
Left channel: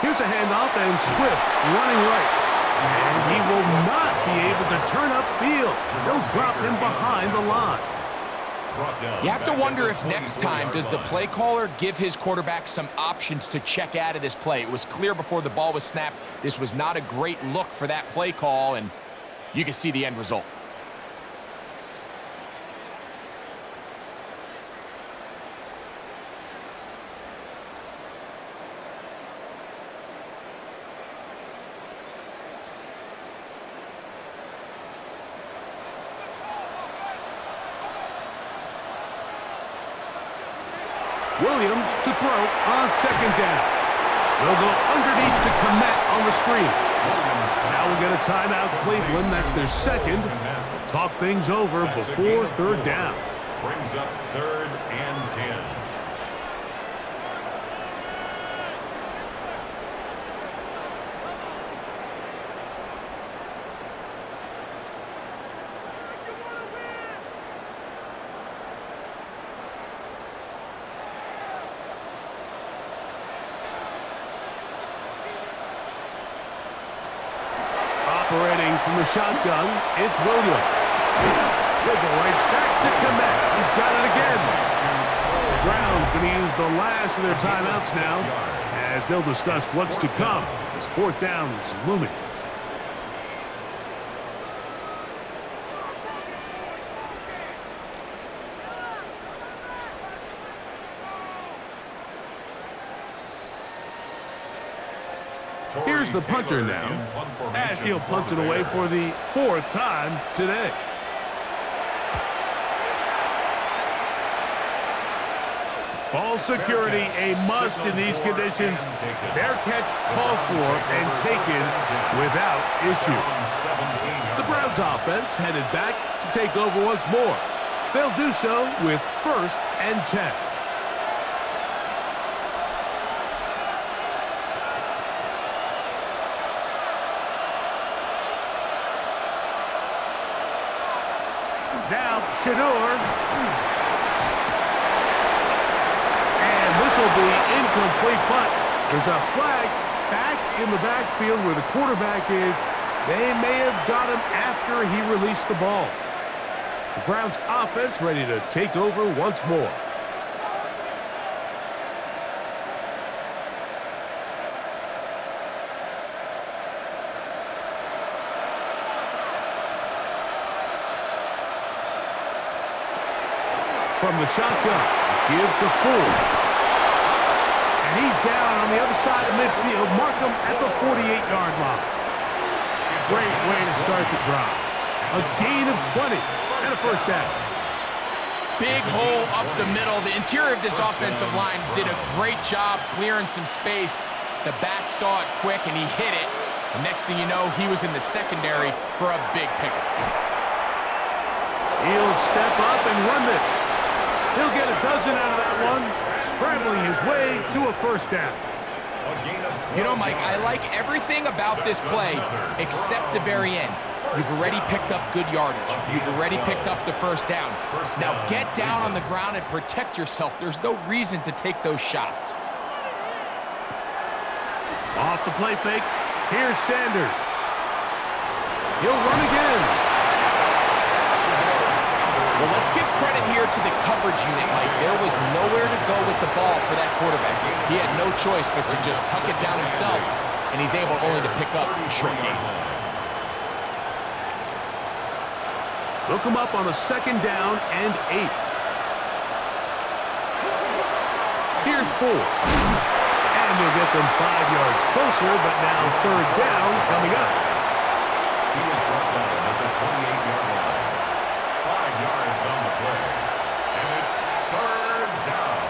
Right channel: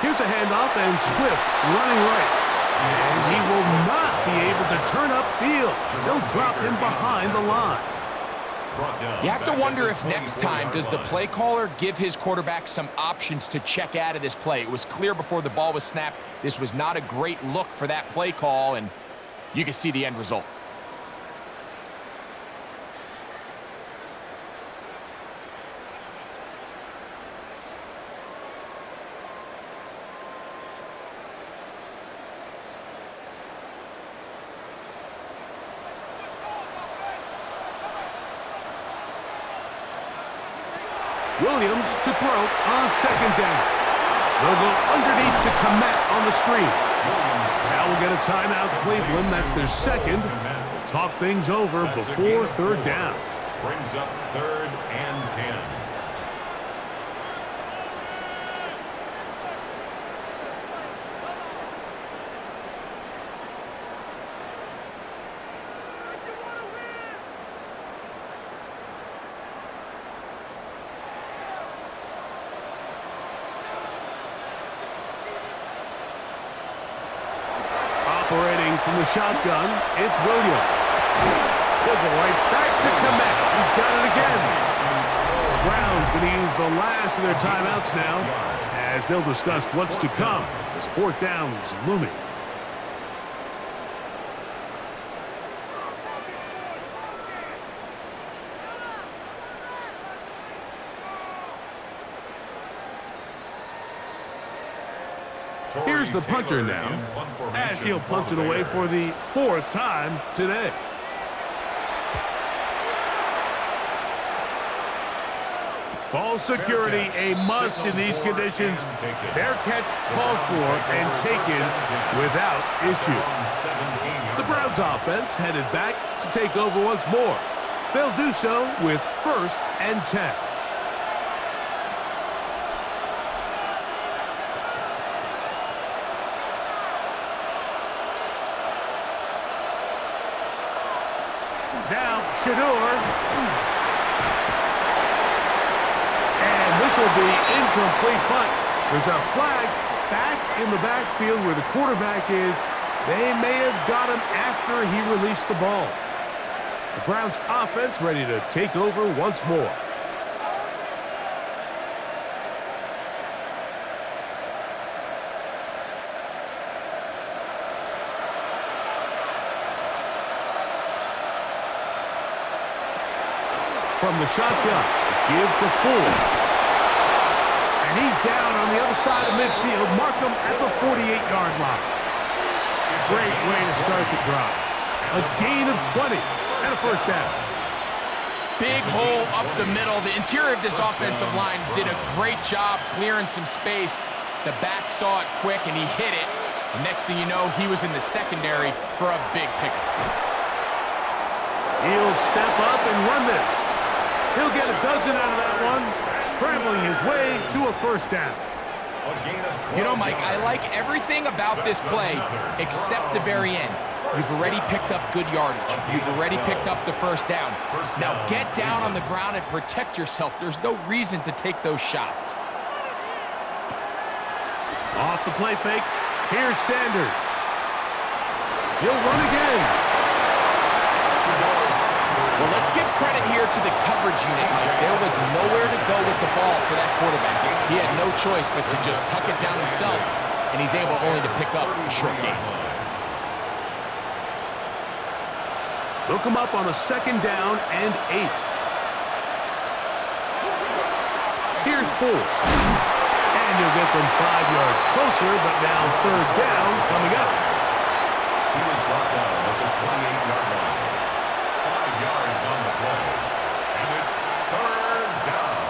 Here's a handoff, and Swift running right. And he will not be able to turn upfield. They'll drop him behind the line. You have to wonder if next time does the play caller give his quarterback some options to check out of this play. It was clear before the ball was snapped. This was not a great look for that play call, and you can see the end result. Williams to throw on 2nd down. They'll go underneath to Komet on the screen. Now we'll get a timeout, Cleveland. That's their second. Talk things over before 3rd down. Brings up 3rd and 10. Operating from the shotgun, it's Williams. He'll go right back to Komet. He's got it again. The Browns going to use the last of their timeouts now as they'll discuss what's to come as 4th down is looming. Here's the punter now, as he'll punt it away for the 4th time today. Ball security a must in these conditions. Fair catch called for and taken without issue. The Browns offense headed back to take over once more. They'll do so with 1st and 10. Now, Shador. And this will be incomplete punt. There's a flag back in the backfield where the quarterback is. They may have got him after he released the ball. The Browns offense ready to take over once more. From the shotgun, give to Ford. And he's down on the other side of midfield. Mark him at the 48-yard line. Great way to start the drive. A gain of 20 and a 1st down. Big hole up the middle. The interior of this offensive line did a great job clearing some space. The back saw it quick, and he hit it. And next thing you know, he was in the secondary for a big pickup. He'll step up and run this. He'll get a dozen out of that one, scrambling his way to a 1st down. You know, Mike, I like everything about this play except the very end. You've already picked up good yardage. You've already picked up the 1st down. Now get down on the ground and protect yourself. There's no reason to take those shots. Off the play fake, here's Sanders. He'll run again. Well, let's give credit here to the coverage unit, Mike. There was nowhere to go with the ball for that quarterback. He had no choice but to just tuck it down himself, and he's able only to pick up a short gain. They'll come up on a 2nd down and 8. Here's Ford. And he'll get them 5 yards closer, but now third down coming up. He was brought down at the 28-yard line. 5 yards on the play. And it's third down.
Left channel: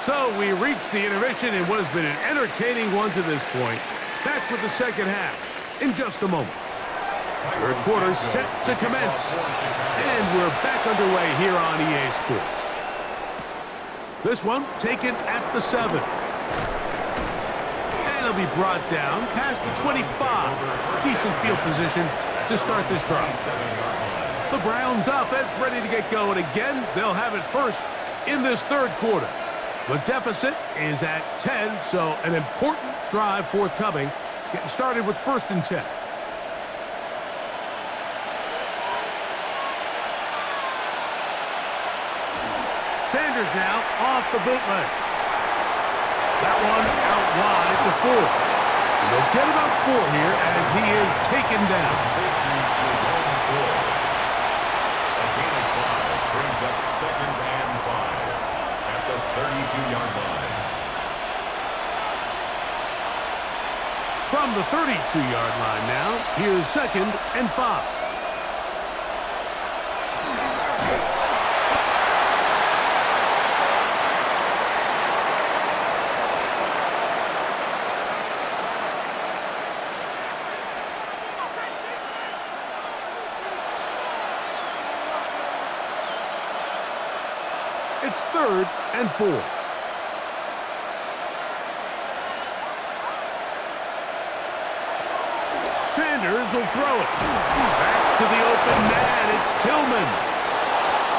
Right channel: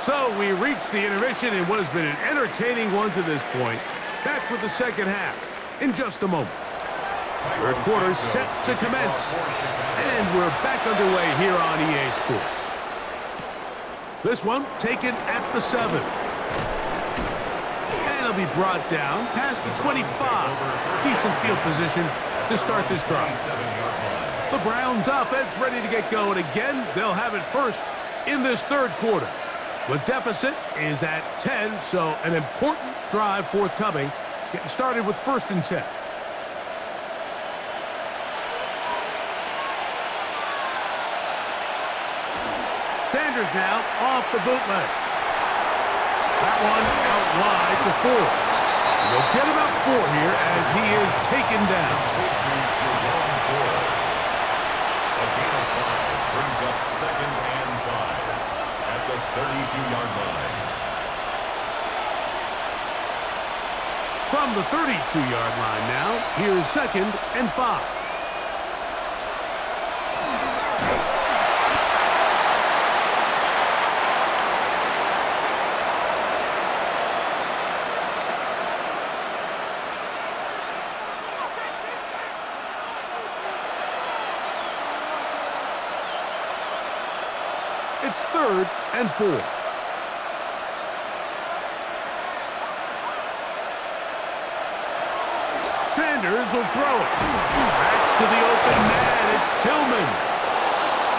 So we reach the intermission in what has been an entertaining one to this point. Back with the second half in just a moment. Third quarter set to commence. And we're back underway here on EA Sports. This one taken at the 7. And it'll be brought down past the 25. Decent field position to start this drive. The Browns offense ready to get going again. They'll have it first in this third quarter. The deficit is at 10, so an important drive forthcoming. Getting started with 1st and 10. Sanders now off the bootleg. That one out wide to Ford. And they'll get about 4 here as he is taken down. A gain of 5 brings up 2nd and 5 at the 32-yard line. From the 32-yard line now, here's 2nd and 5. It's 3rd and 4. Sanders will throw it. Backs to the open man. It's Tillman.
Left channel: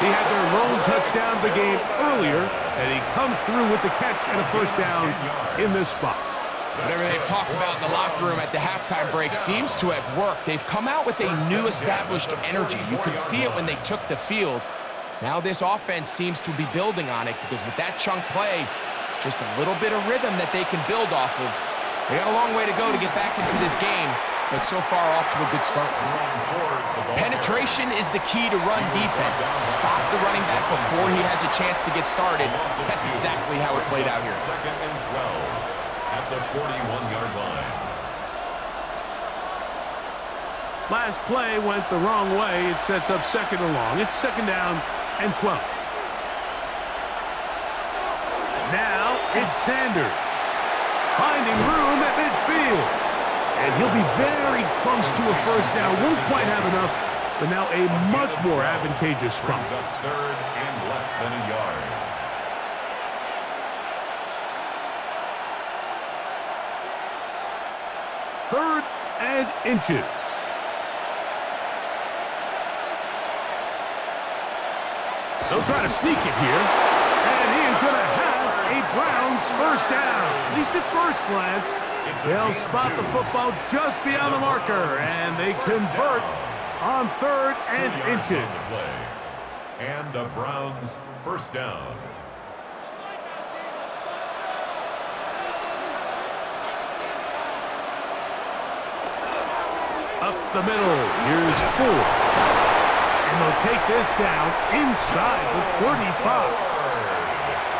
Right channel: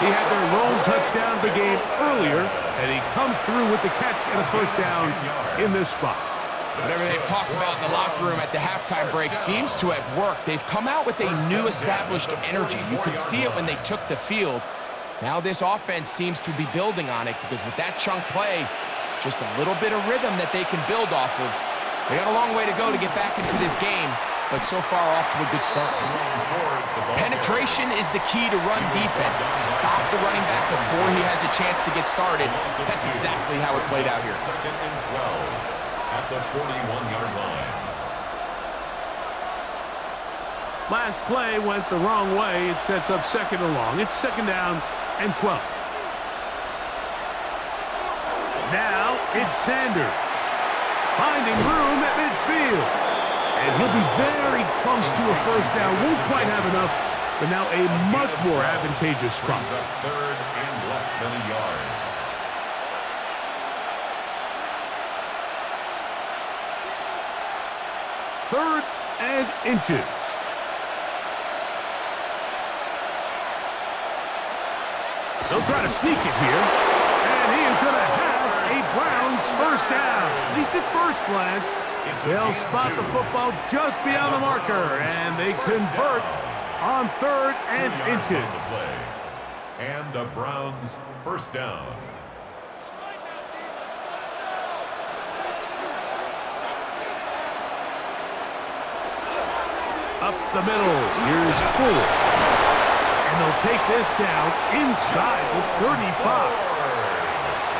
He had their lone touchdown of the game earlier, and he comes through with the catch and a first down in this spot. Whatever they've talked about in the locker room at the halftime break seems to have worked. They've come out with a new established energy. You could see it when they took the field. Now this offense seems to be building on it because with that chunk play, just a little bit of rhythm that they can build off of. They got a long way to go to get back into this game, but so far off to a good start. Penetration is the key to run defense. Stop the running back before he has a chance to get started. That's exactly how it played out here. 2nd and 12 at the 41-yard line. Last play went the wrong way. It sets up 2nd and long. It's 2nd down and 12. Now it's Sanders finding room at midfield. And he'll be very close to a first down. Won't quite have enough, but now a much more advantageous spot. Brings up 3rd and less than a yard. Third and inches. They'll try to sneak it here. And he is going to have a Browns first down. At least at first glance. They'll spot the football just beyond the marker. And they convert on 3rd and inches. And a Browns first down. Up the middle. Here's Ford. And they'll take this down inside the 35.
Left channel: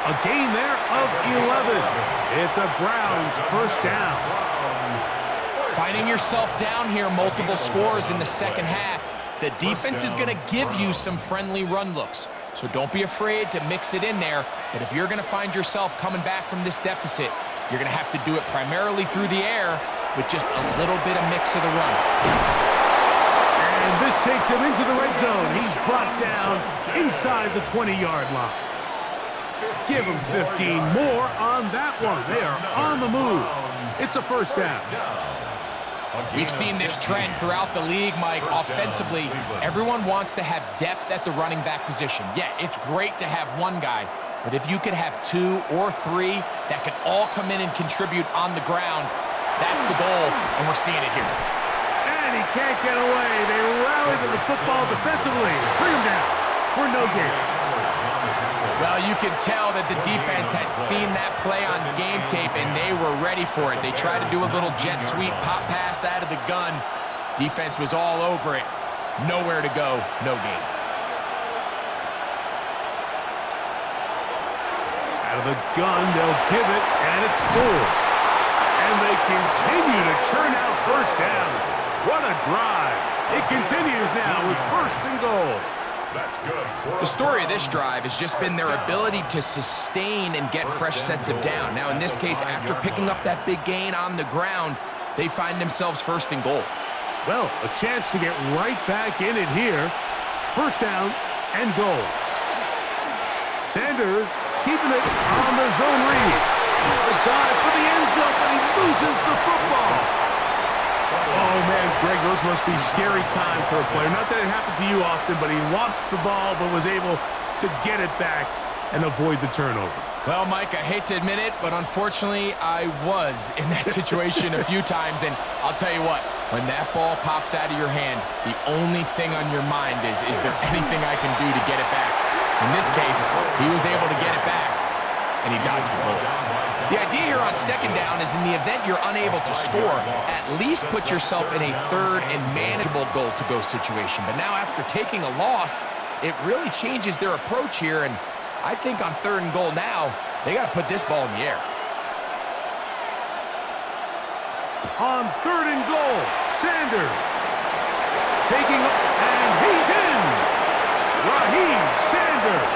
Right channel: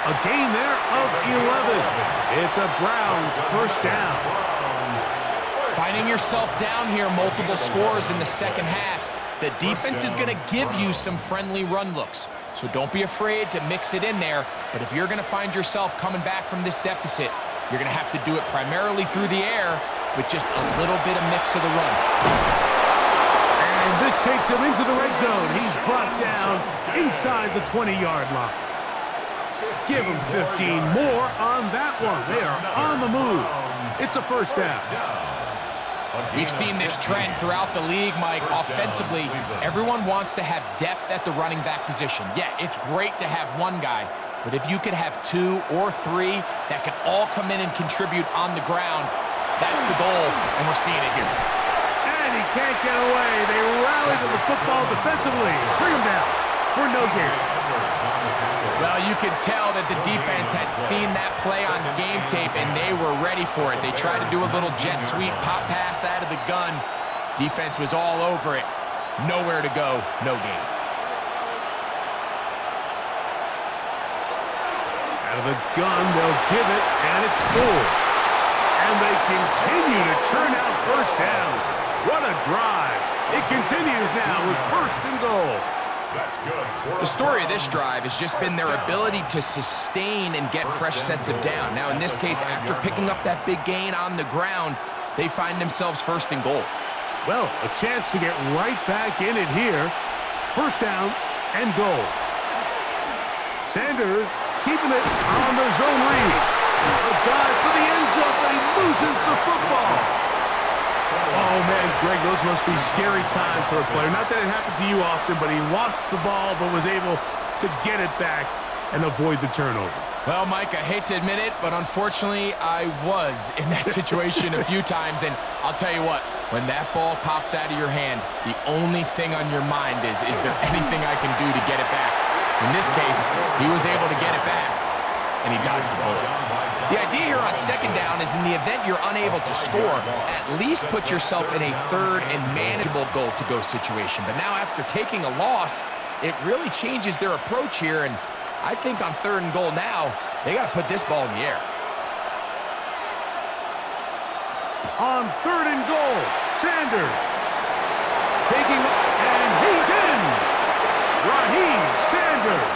A gain there of 11. It's a Browns first down. Finding yourself down here, multiple scores in the second half. The defense is going to give you some friendly run looks. So don't be afraid to mix it in there. But if you're going to find yourself coming back from this deficit, you're going to have to do it primarily through the air with just a little bit of mix of the run. And this takes him into the red zone. He's brought down inside the 20-yard line. Give him 15 more on that one. They are on the move. It's a first down. We've seen this trend throughout the league, Mike. Offensively, everyone wants to have depth at the running back position. Yeah, it's great to have one guy, but if you could have 2 or 3 that can all come in and contribute on the ground, that's the goal, and we're seeing it here. And he can't get away. They rally to the football defensively. Bring him down for no gain. Well, you can tell that the defense had seen that play on game tape, and they were ready for it. They tried to do a little jet sweep pop pass out of the gun. Defense was all over it. Nowhere to go, no gain. Out of the gun, they'll give it, and it's full. And they continue to churn out first downs. What a drive. It continues now with 1st and goal. That's good. The story of this drive has just been their ability to sustain and get fresh sets of down. Now, in this case, after picking up that big gain on the ground, they find themselves 1st and goal. Well, a chance to get right back in it here. 1st down and goal. Sanders keeping it on the zone read. A dive for the end zone, but he loses the football. Oh, man, Greg, those must be scary times for a player. Not that it happened to you often, but he lost the ball but was able to get it back and avoid the turnover. Well, Mike, I hate to admit it, but unfortunately, I was in that situation a few times, and I'll tell you what, when that ball pops out of your hand, the only thing on your mind is there anything I can do to get it back? In this case, he was able to get it back, and he dodged the bullet. The idea here on 2nd down is in the event you're unable to score, at least put yourself in a 3rd and manageable goal-to-go situation. But now after taking a loss, it really changes their approach here, and I think on 3rd and goal now, they got to put this ball in the air. On 3rd and goal, Sanders taking up, and he's in. Raheem Sanders,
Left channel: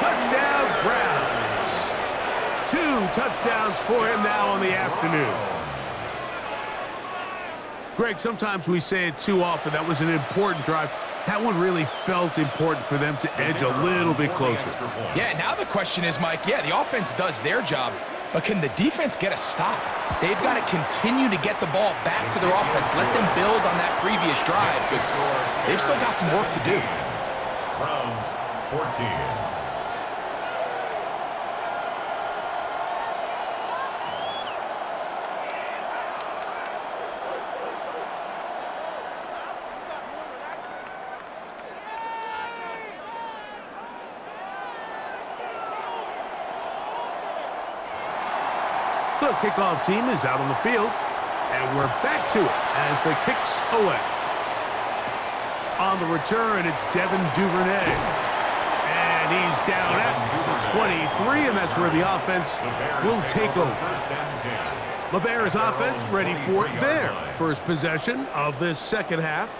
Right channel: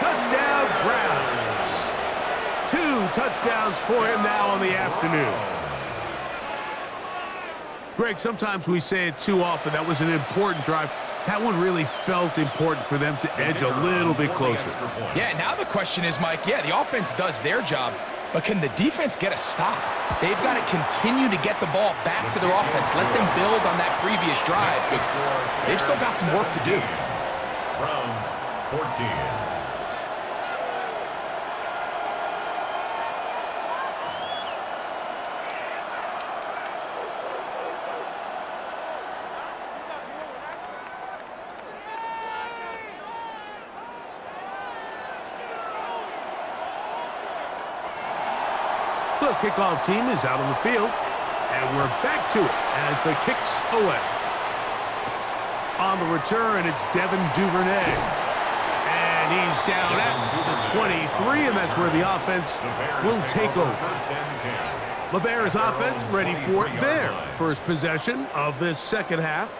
touchdown Browns. 2 touchdowns for him now on the afternoon. Greg, sometimes we say it too often. That was an important drive. That one really felt important for them to edge a little bit closer. Yeah, now the question is, Mike, yeah, the offense does their job, but can the defense get a stop? They've got to continue to get the ball back to their offense. Let them build on that previous drive because they've still got some work to do. Browns 14. The kickoff team is out on the field, and we're back to it as the kick's away. On the return, it's Devin Duvernay. And he's down at the 23, and that's where the offense will take over. The Bears offense ready for their first possession of this 2nd half.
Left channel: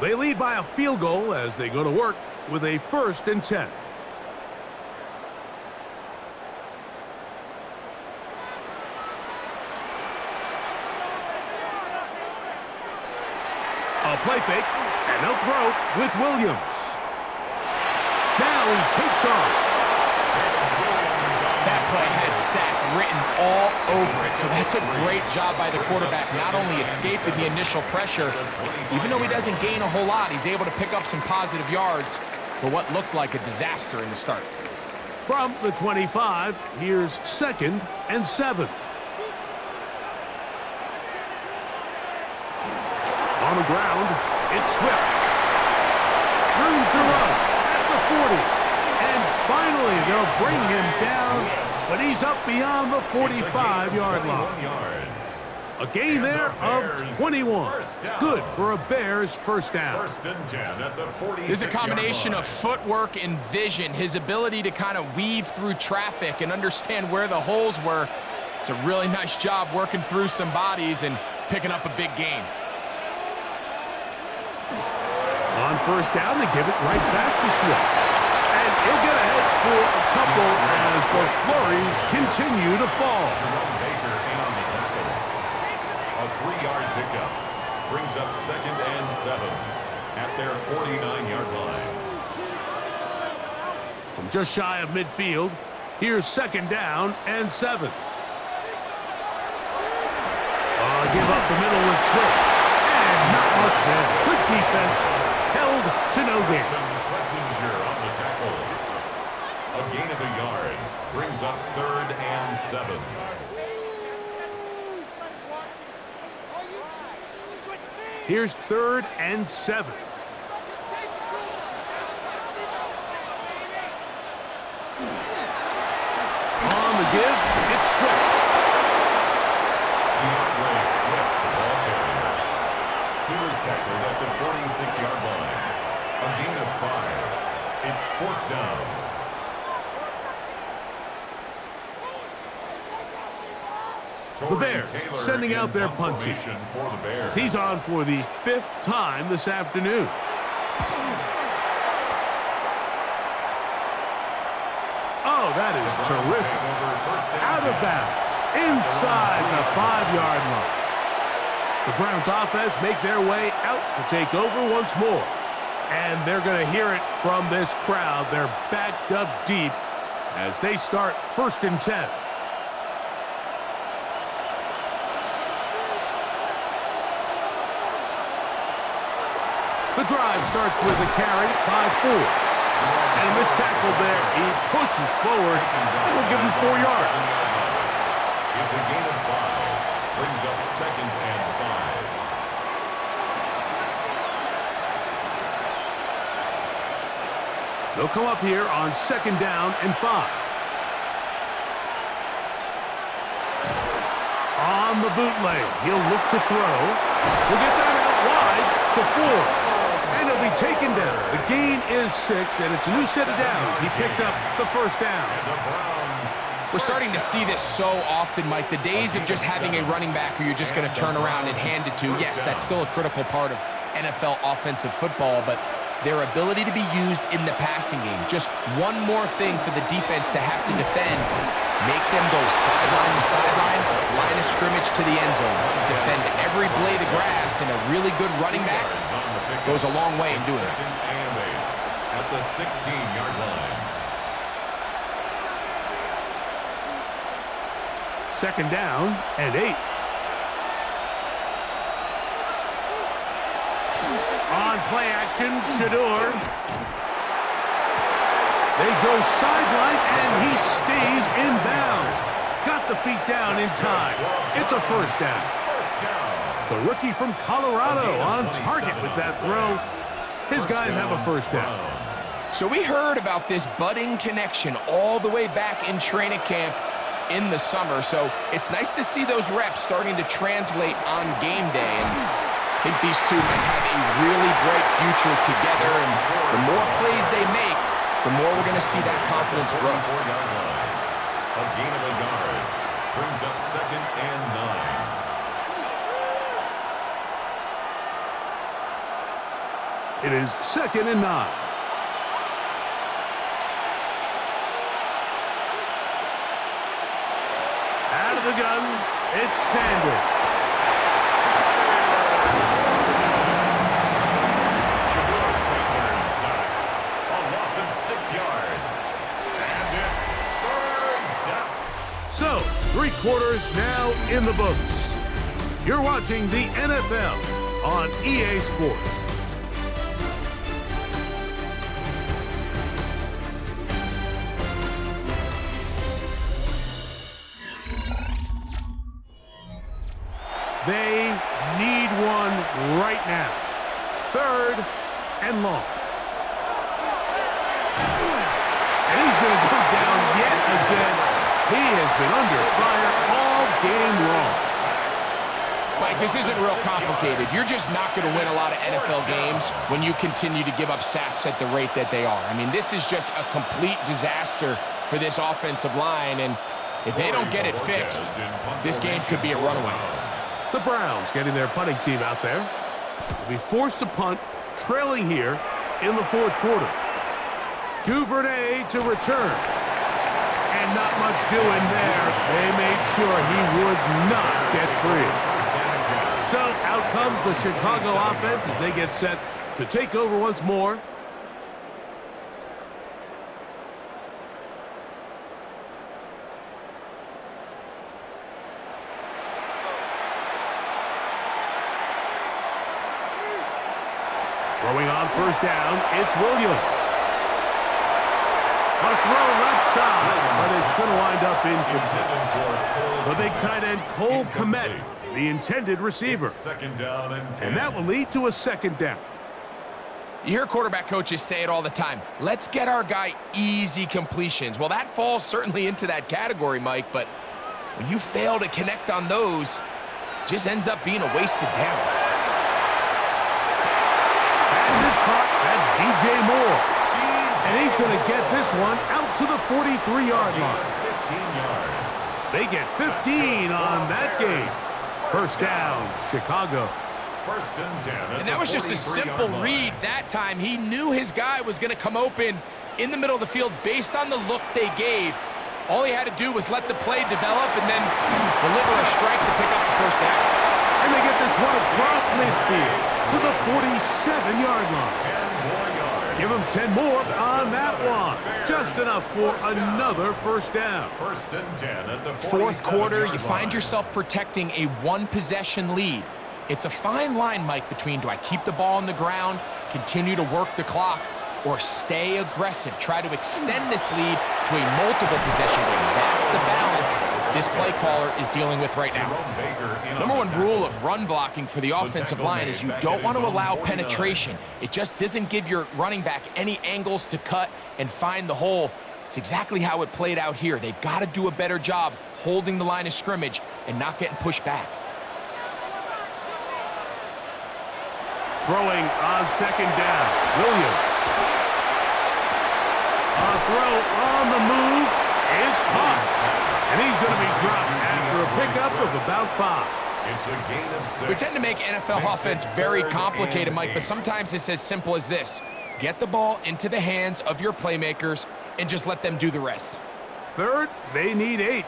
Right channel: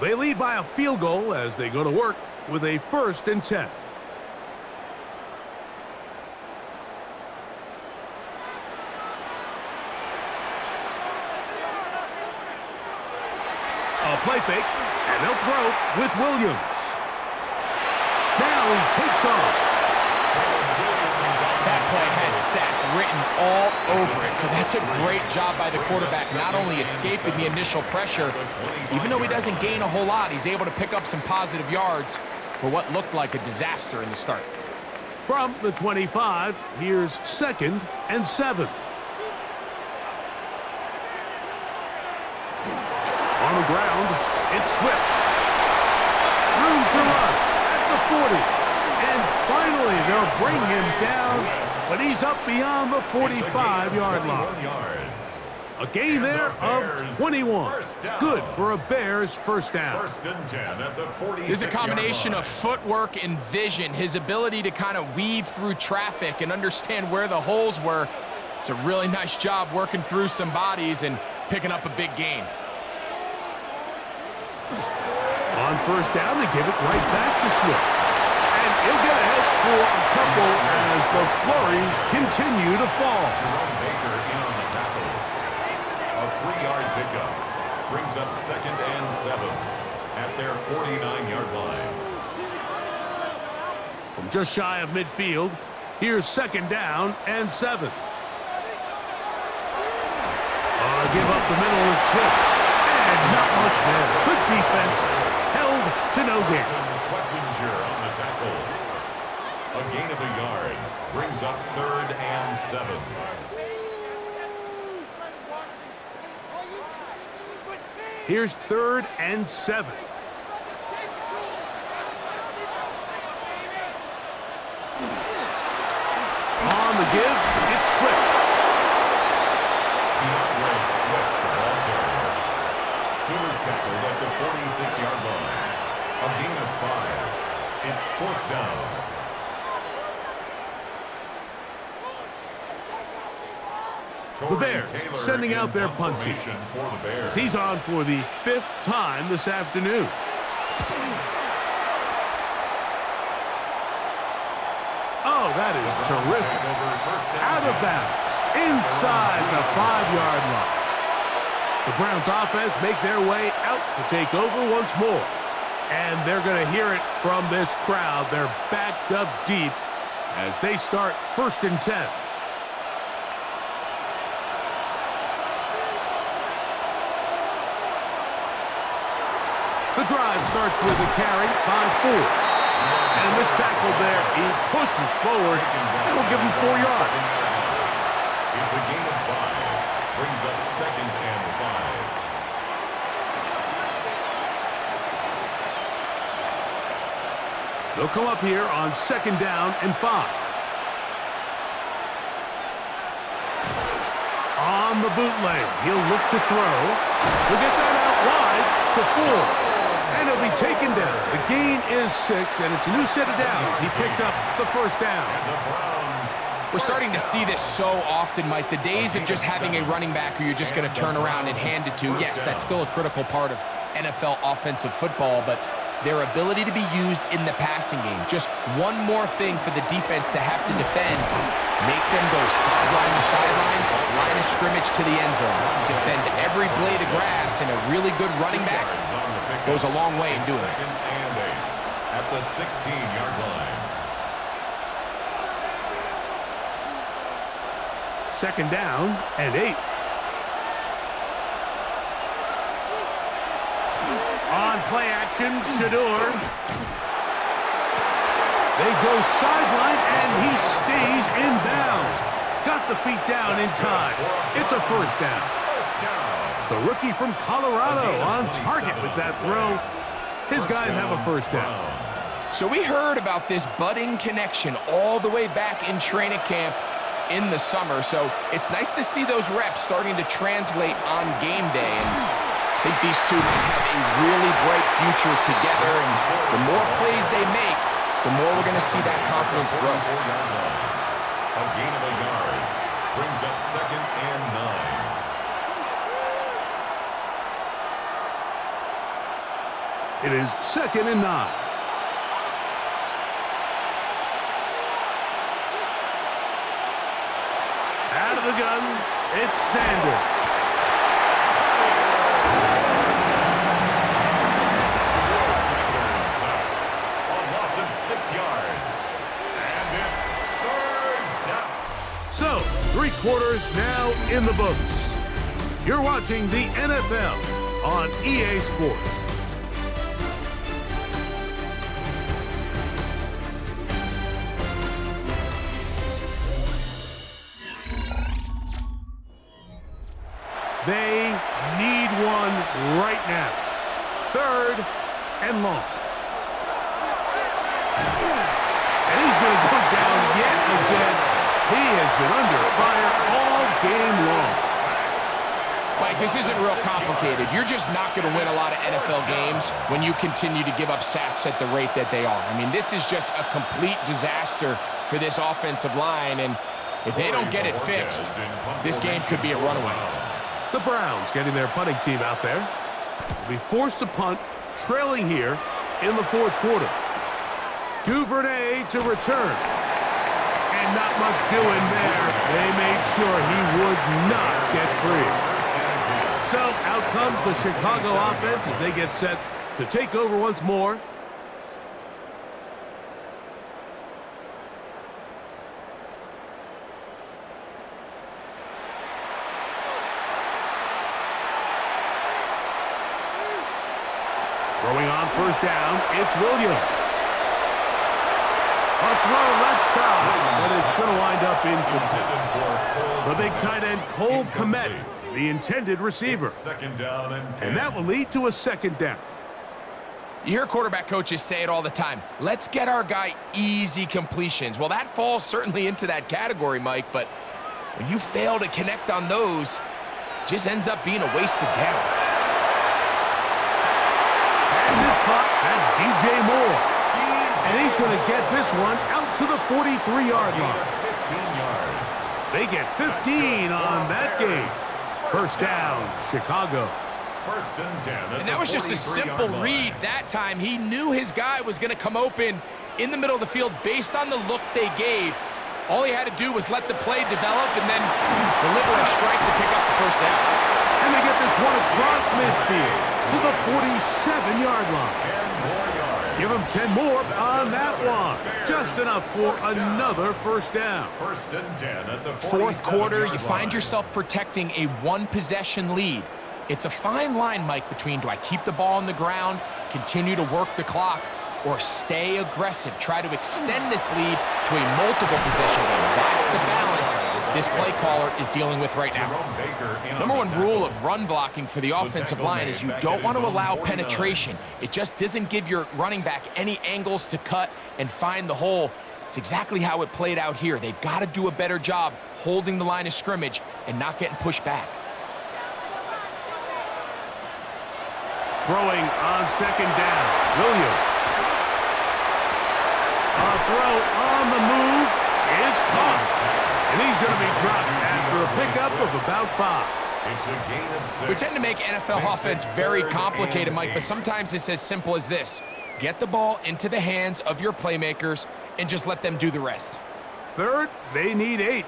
They lead by a field goal as they go to work with a 1st and 10. A play fake, and they'll throw with Williams. Now he takes off. That play had sack written all over it, so that's a great job by the quarterback, not only escaping the initial pressure, even though he doesn't gain a whole lot, he's able to pick up some positive yards for what looked like a disaster in the start. From the 25, here's 2nd and 7. On the ground, it's Swift. Room to run at the 40. And finally, they'll bring him down, but he's up beyond the 45-yard line. A gain there of 21. Good for a Bears 1st down. 1st and 10 at the 46-yard line. There's a combination of footwork and vision, his ability to kind of weave through traffic and understand where the holes were. It's a really nice job working through some bodies and picking up a big gain. On 1st down, they give it right back to Swift. And he'll get ahead for a couple as the flurries continue to fall. Jerome Baker in on the tackle. A 3-yard pickup brings up 2nd and 7 at their 49-yard line. From just shy of midfield, here's 2nd down and 7. Give up the middle with Swift. And not much there. Good defense. Held to no gain. Swessinger on the tackle. A gain of a yard brings up 3rd and 7. Here's 3rd and 7. On the give, it's Swift. DeAndre Swift, the ball carrier. He was tackled at the 46-yard line. A gain of 5. It's 4th down. The Bears sending out their punt team. He's on for the 5th time this afternoon. Oh, that is terrific. Out of bounds, inside the 5-yard line. The Browns offense make their way out to take over once more. And they're going to hear it from this crowd. They're backed up deep as they start 1st and 10. The drive starts with a carry by 4. And a missed tackle there. He pushes forward. It will give him 4 yards. It's a gain of 5. Brings up 2nd and 5. They'll come up here on 2nd down and 5. On the bootleg, he'll look to throw. He'll get that out wide to 4. And he'll be taken down. The gain is 6, and it's a new set of downs. He picked up the 1st down. We're starting to see this so often, Mike. The days of just having a running back who you're just going to turn around and hand it to, yes, that's still a critical part of NFL offensive football, but their ability to be used in the passing game. Just one more thing for the defense to have to defend. Make them go sideline to sideline, line of scrimmage to the end zone. Defend every blade of grass, and a really good running back goes a long way in doing it. 2nd and 8 at the 16-yard line. 2nd down and 8. On play action, Shador. They go sideline, and he stays in bounds. Got the feet down in time. It's a 1st down. The rookie from Colorado on target with that throw. His guys have a 1st down. So we heard about this budding connection all the way back in training camp in the summer. So it's nice to see those reps starting to translate on game day. And I think these two might have a really bright future together. And the more plays they make, the more we're going to see that confidence grow. A gain of a yard brings up 2nd and 9. It is 2nd and 9. Out of the gun, it's Sanders. A loss of 6 yards. And it's 3rd down. So, 3 quarters now in the books. You're watching the NFL on EA Sports. They need one right now. 3rd and long. And he's going to go down yet again. He has been under fire all game long. Mike, this isn't real complicated. You're just not going to win a lot of NFL games when you continue to give up sacks at the rate that they are. I mean, this is just a complete disaster for this offensive line, and if they don't get it fixed, this game could be a runaway. The Browns getting their punting team out there. Will be forced to punt, trailing here in the 4th quarter. Duvernay to return. And not much doing there. They made sure he would not get free. So out comes the Chicago offense as they get set to take over once more. Throwing on 1st down, it's Williams. A throw left side, but it's going to wind up incomplete. The big tight end, Cole Kmet, the intended receiver. 2nd down and 10. And that will lead to a 2nd down. You hear quarterback coaches say it all the time. Let's get our guy easy completions. Well, that falls certainly into that category, Mike, but when you fail to connect on those, it just ends up being a wasted down. caught. That's DJ Moore. And he's going to get this one out to the 43-yard line. 15 yards. They get 15 on that game. First down, Chicago. First and 10. And that was just a simple read that time. He knew his guy was going to come open in the middle of the field based on the look they gave. All he had to do was let the play develop and then deliver a strike to pick up the first down. And they get this one across midfield to the 47-yard line. 10 more yards. Give him 10 more on that one. Just enough for another first down. First and 10 at the Fourth quarter, you 47-yard find line. yourself protecting a one-possession lead. It's a fine line, Mike, between do I keep the ball on the ground, continue to work the clock, or stay aggressive, try to extend this lead to a multiple possession game. That's the balance this play caller is dealing with right now. Jerome Baker in on Number the one tackle. rule of run blocking for the offensive line is you don't want to allow penetration. It just doesn't give your running back any angles to cut and find the hole. It's exactly how it played out here. They've got to do a better job holding the line of scrimmage and not getting pushed back. Throwing on second down, Williams. A throw on the move is caught. And he's going to be dropped after a pickup of about 5. It's a gain of 6. We tend to make NFL offense very complicated, Mike, but sometimes it's as simple as this. Get the ball into the hands of your playmakers and just let them do the rest. Third, they need 8.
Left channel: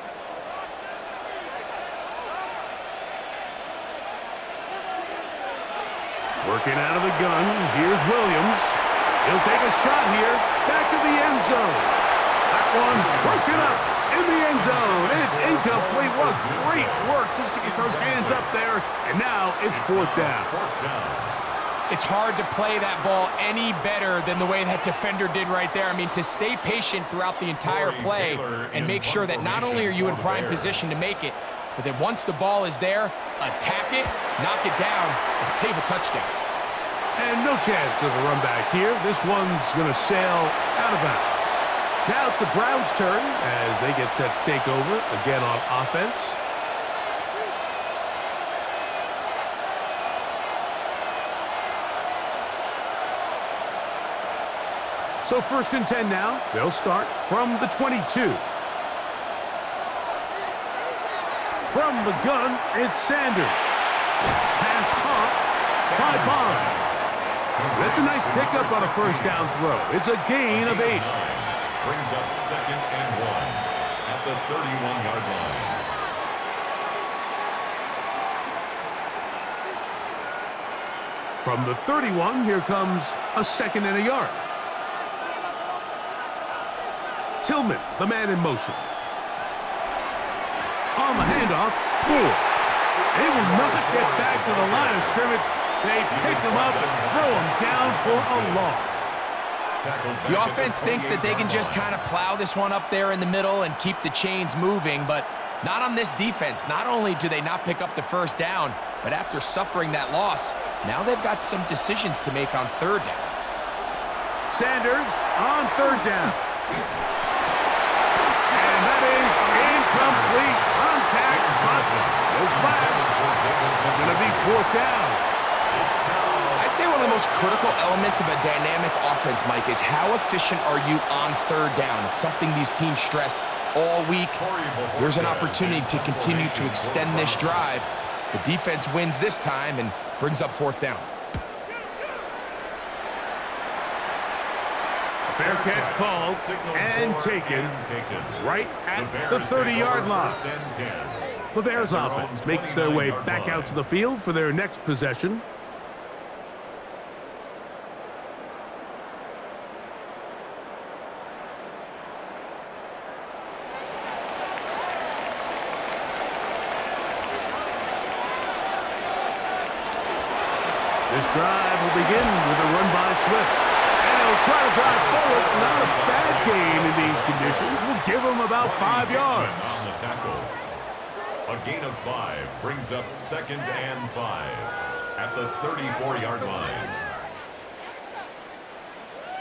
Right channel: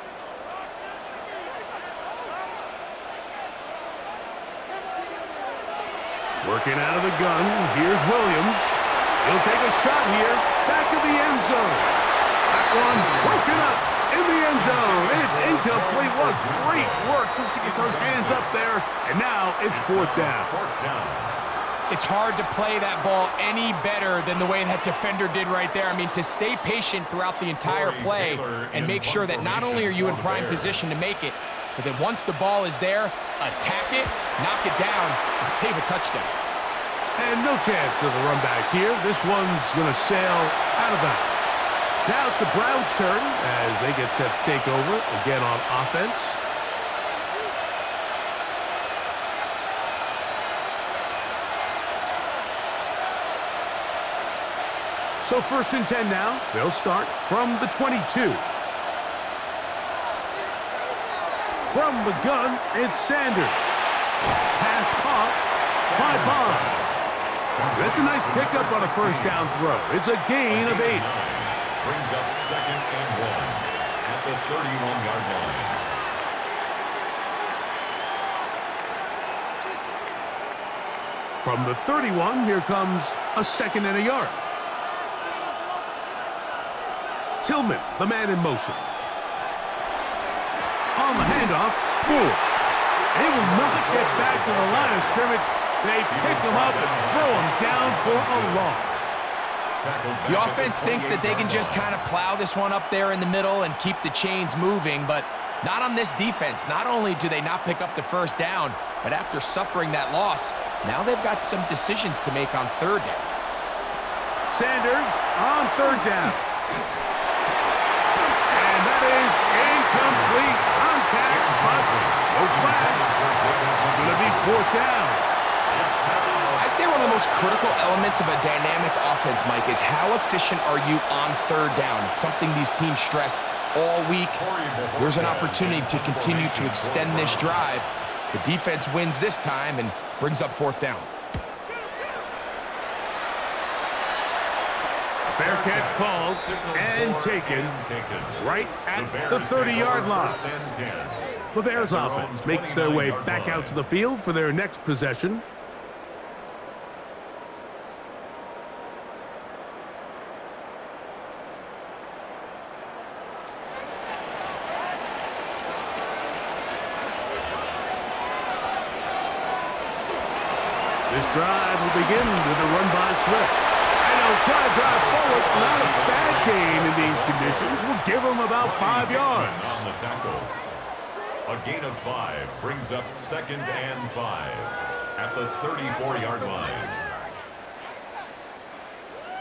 Working out of the gun, here's Williams. He'll take a shot here, back of the end zone. That one broken up in the end zone. It's incomplete. What great work just to get those hands up there. And now it's fourth down. It's hard to play that ball any better than the way that defender did right there. I mean, to stay patient throughout the entire play and make sure that not only are you in prime position to make it, but then once the ball is there, attack it, knock it down, and save a touchdown. And no chance of a run back here. This one's going to sail out of bounds. Now it's the Browns' turn as they get set to take over again on offense. So first and 10 now. They'll start from the 22. From the gun, it's Sanders. Pass caught by Bond. That's a nice pickup on a first down throw. It's a gain of 8. Brings up second and 1 at the 31-yard line. From the 31, here comes a second and a yard. Tillman, the man in motion. On the handoff, Moore. They will not get back to the line of scrimmage. They pick him up and throw him down for a loss. The offense thinks that they can just kind of plow this one up there in the middle and keep the chains moving, but not on this defense. Not only do they not pick up the first down, but after suffering that loss, now they've got some decisions to make on third down. Sanders on third down. And that is incomplete. Contact, but no flags. It's going to be fourth down. I'd say one of the most critical elements of a dynamic offense, Mike, is how efficient are you on third down? It's something these teams stress all week. Here's an opportunity to continue to extend this drive. The defense wins this time and brings up fourth down. Fair catch called and taken right at the 30-yard line. The Bears offense makes their way back out to the field for their next possession. This drive will begin with a run by Swift. And he'll try to drive forward. Not a bad game in these conditions. We'll give him about 5 yards. On the tackle. A gain of 5 brings up second and 5 at the 34-yard line.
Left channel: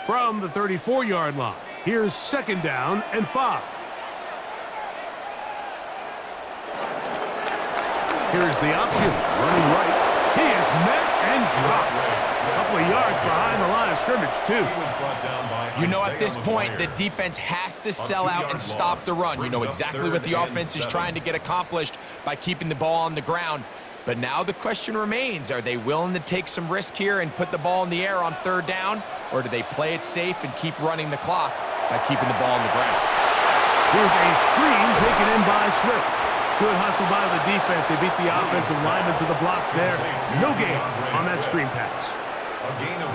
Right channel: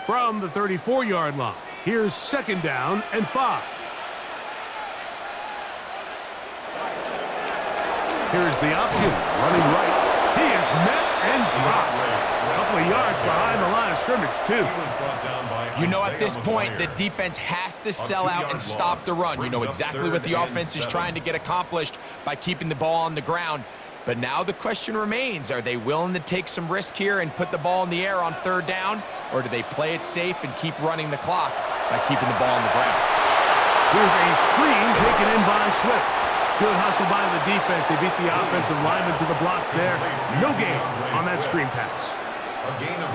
From the 34-yard line, here's second down and 5. Here's the option, running right. He is met and dropped. A couple of yards behind the line of scrimmage, too. You know, at this point, the defense has to sell out and stop the run. You know exactly what the offense is trying to get accomplished by keeping the ball on the ground. But now the question remains, are they willing to take some risk here and put the ball in the air on third down, or do they play it safe and keep running the clock by keeping the ball on the ground? Here's a screen taken in by Swift. Good hustle by the defense. They beat the offensive lineman to the blocks there. No gain on that screen pass.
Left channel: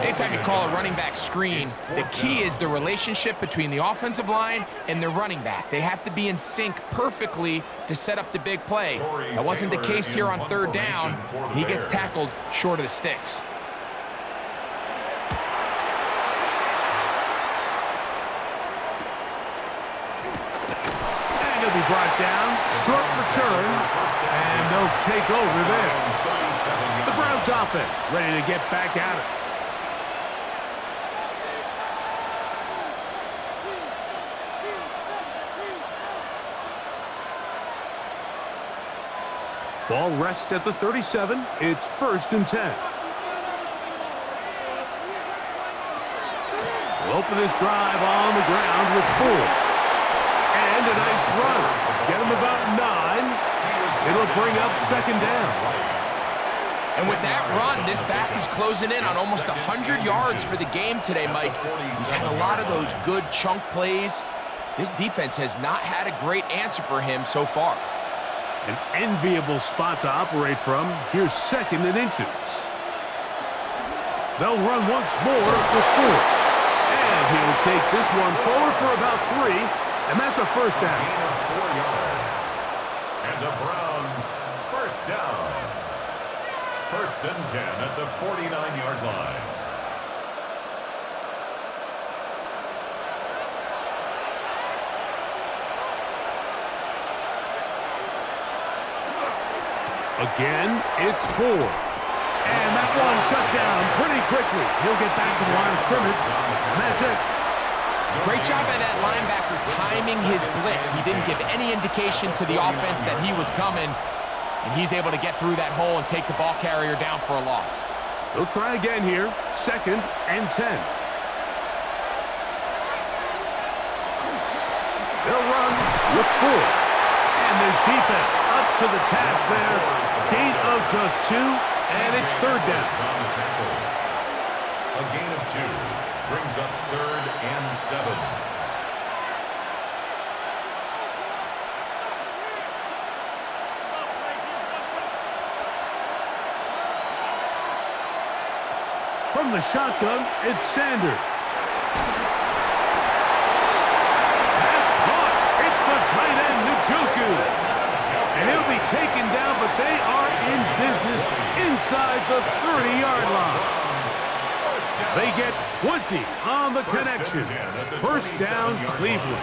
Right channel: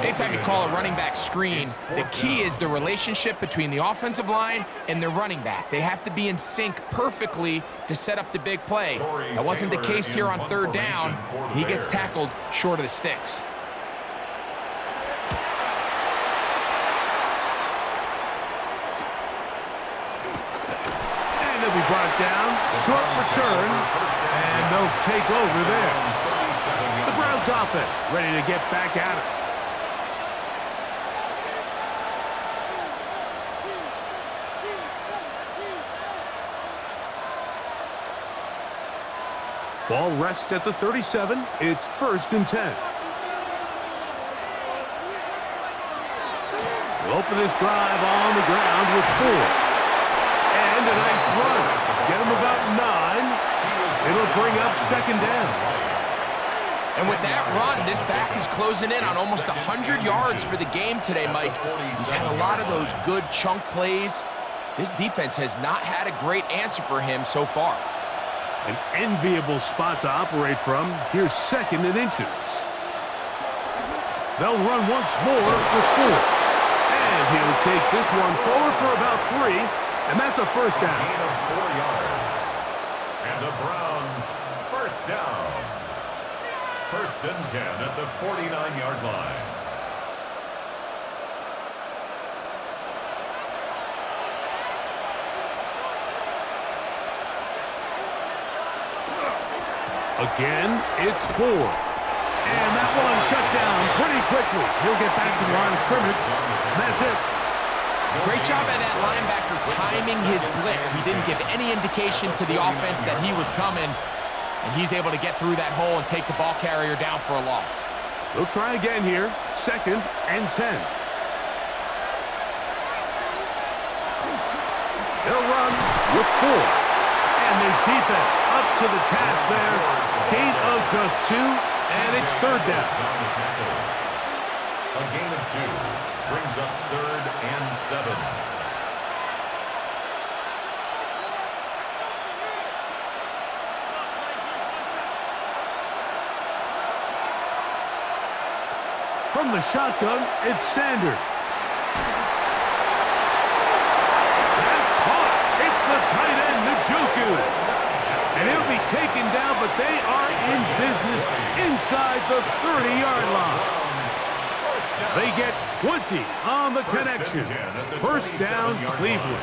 Anytime you call a running back screen, the key is the relationship between the offensive line and the running back. They have to be in sync perfectly to set up the big play. That wasn't the case here on third down. He gets tackled short of the sticks. And he'll be brought down. Short return. And they'll take over there. The Browns offense ready to get back at it. Ball rests at the 37. It's 1st and 10. We'll open this drive on the ground with 4. And a nice run. Get him about 9. It'll bring up 2nd down. And with that run, this back is closing in on almost 100 yards for the game today, Mike. He's had a lot of those good chunk plays. This defense has not had a great answer for him so far. An enviable spot to operate from. Here's 2nd and inches. They'll run once more with 4. And he'll take this one forward for about 3. And that's a 1st down. Gain of 4 yards. And the Browns, 1st down. 1st and 10 at the 49-yard line. Again, it's 4. And that one shut down pretty quickly. He'll get back to the line of scrimmage, and that's it. Great job by that linebacker timing his blitz. He didn't give any indication to the offense that he was coming, and he's able to get through that hole and take the ball carrier down for a loss. They'll try again here, 2nd and 10. They'll run with 4. And this defense up to the task there. Gain of just 2, and it's 3rd down. A gain of 2 brings up 3rd and 7. From the shotgun, it's Sanders. That's caught. It's the tight end, Njoku. And he'll be taken down, but they are in business inside the 30-yard line. They get 20 on the connection. 1st down, Cleveland.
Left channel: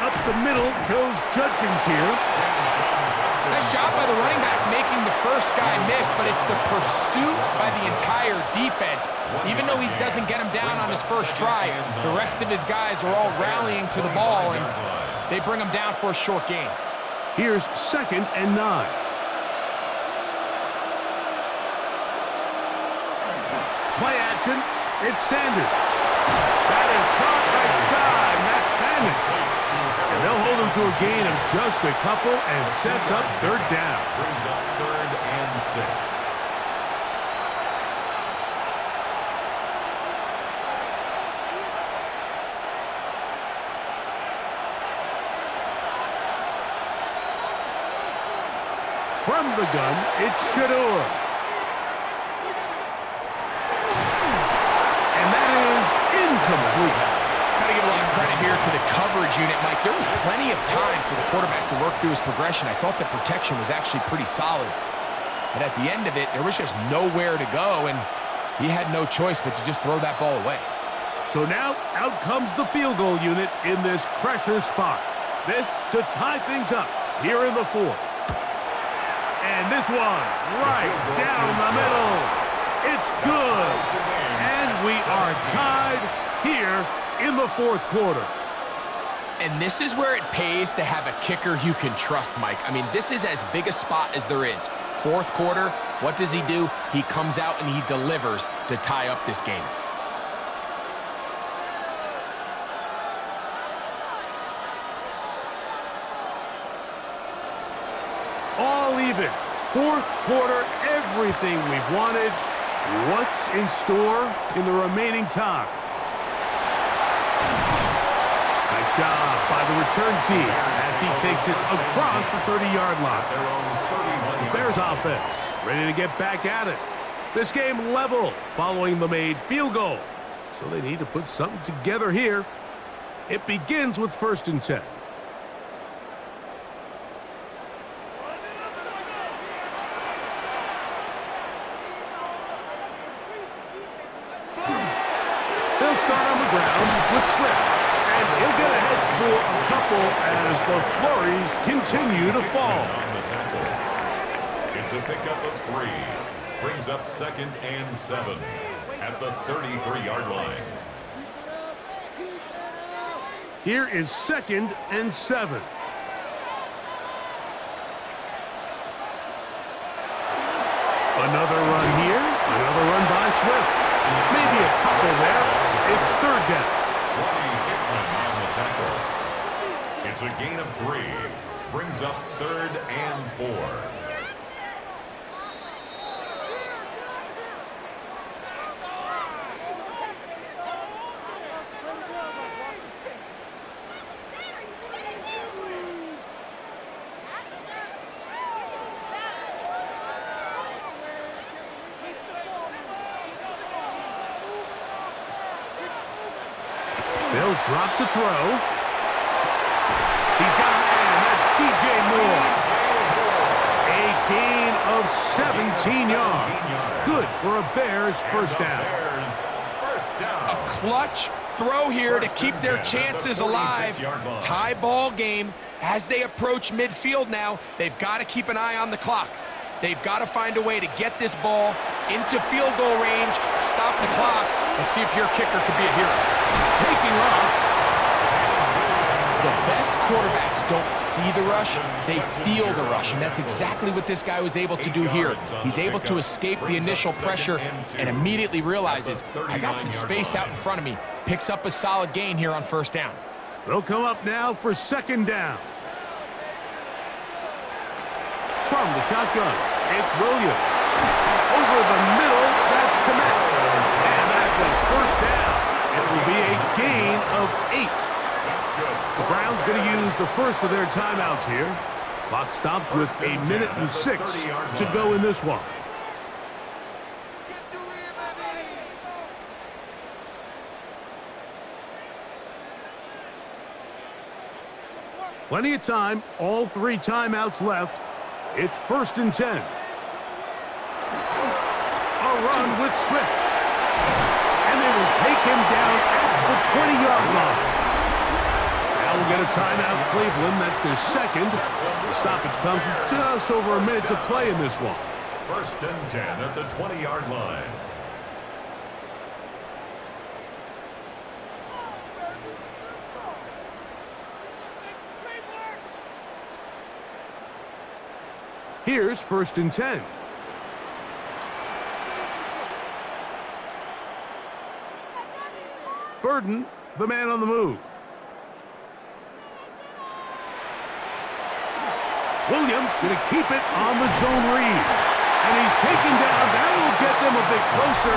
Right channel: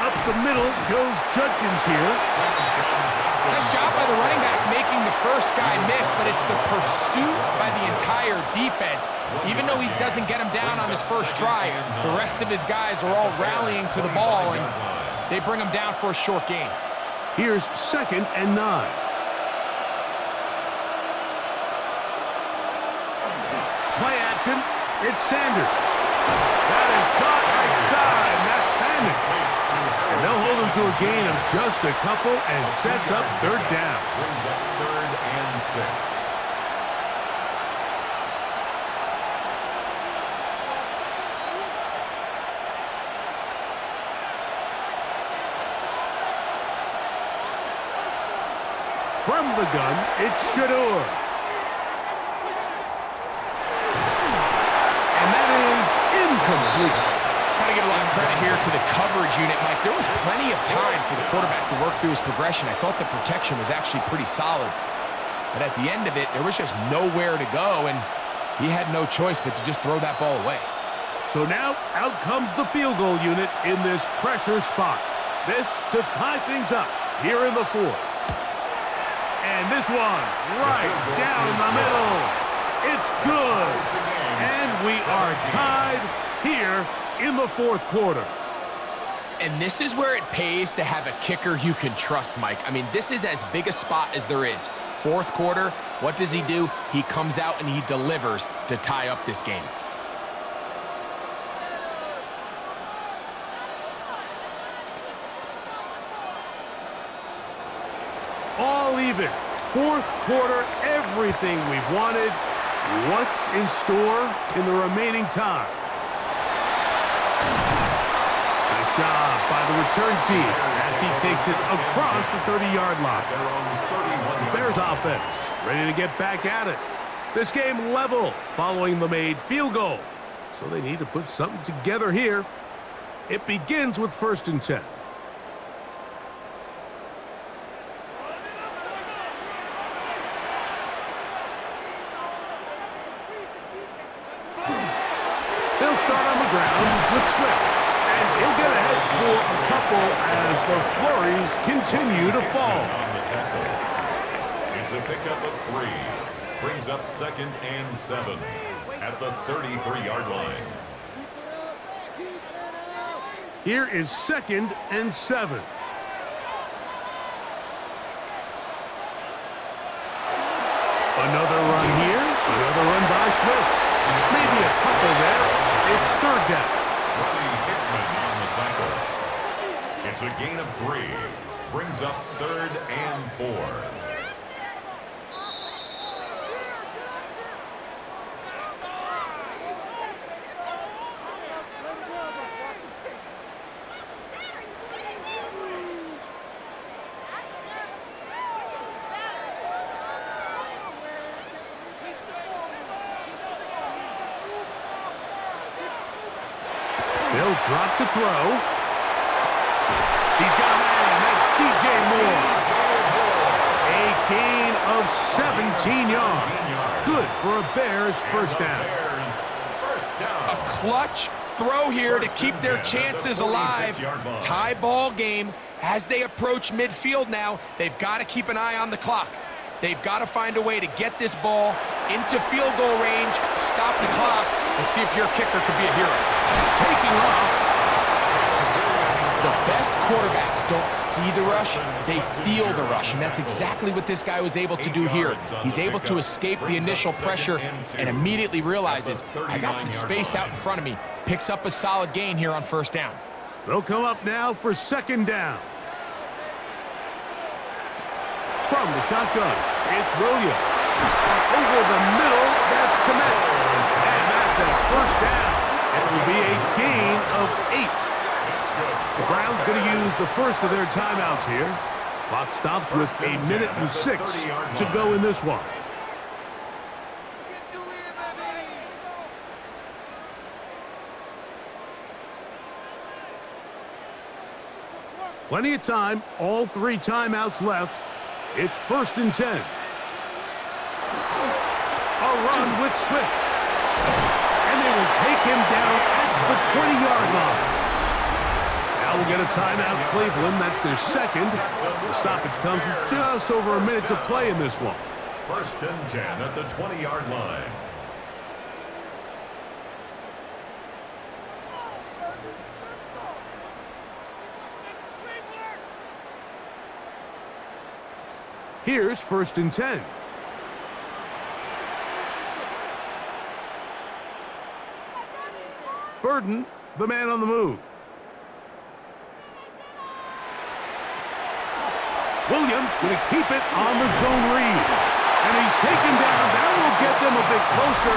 Up the middle goes Judkins here. Nice job by the running back making the first guy miss, but it's the pursuit by the entire defense. Even though he doesn't get him down on his first try, the rest of his guys are all rallying to the ball, and they bring him down for a short gain. Here's 2nd and 9. Play action. It's Sanders. That is caught right side, and that's Fannin. And they'll hold him to a gain of just a couple and sets up 3rd down. Brings up 3rd and 6. From the gun, it's Shador. And that is incomplete. Got to give a lot of credit here to the coverage unit, Mike. There was plenty of time for the quarterback to work through his progression. I thought the protection was actually pretty solid. But at the end of it, there was just nowhere to go, and he had no choice but to just throw that ball away. So now, out comes the field goal unit in this pressure spot. This to tie things up here in the 4th. And this one right down the middle. It's good. And we are tied here in the 4th quarter. And this is where it pays to have a kicker you can trust, Mike. I mean, this is as big a spot as there is. Fourth quarter, what does he do? He comes out and he delivers to tie up this game. All even. Fourth quarter, everything we've wanted. What's in store in the remaining time? Nice job by the return team as he takes it across the 30-yard line. The Bears offense ready to get back at it. This game level following the made field goal. So they need to put something together here. It begins with 1st and 10. They'll start on the ground with Swift. And he'll get ahead for a couple as the flurries continue to fall. On the tackle. It's a pickup of 3. Brings up 2nd and 7 at the 33-yard line. Here is 2nd and 7. Another run here. Another run by Swift. Maybe a couple there. It's 3rd down. Ronnie Hickman on the tackle. It's a gain of 3. Brings up 3rd and 4. They'll drop to throw. He's got a man. That's DJ Moore. A gain of 17 yards. Good for a Bears first down. A clutch throw here to keep their chances alive. Tie ball game as they approach midfield now. They've got to keep an eye on the clock. They've got to find a way to get this ball into field goal range, stop the clock, and see if your kicker could be a hero. Taking off. The best quarterbacks don't see the rush, they feel the rush, and that's exactly what this guy was able to do here. He's able to escape the initial pressure and immediately realizes, I got some space out in front of me. Picks up a solid gain here on 1st down. They'll come up now for 2nd down. From the shotgun, it's Williams. Over the middle, that's Komet. And that's a 1st down. It will be a gain of 8. That's good. The Browns going to use the first of their timeouts here. Clock stops with 1:06 to go in this one. Plenty of time, all 3 timeouts left. It's 1st and 10. A run with Swift. And they will take him down at the 20-yard line. Now we'll get a timeout, Cleveland. That's their 2nd. The stoppage comes with just over a minute to play in this one. 1st and 10 at the 20-yard line. Here's 1st and 10. Burden, the man on the move. Williams going to keep it on the zone read. And he's taken down. That will get them a bit closer.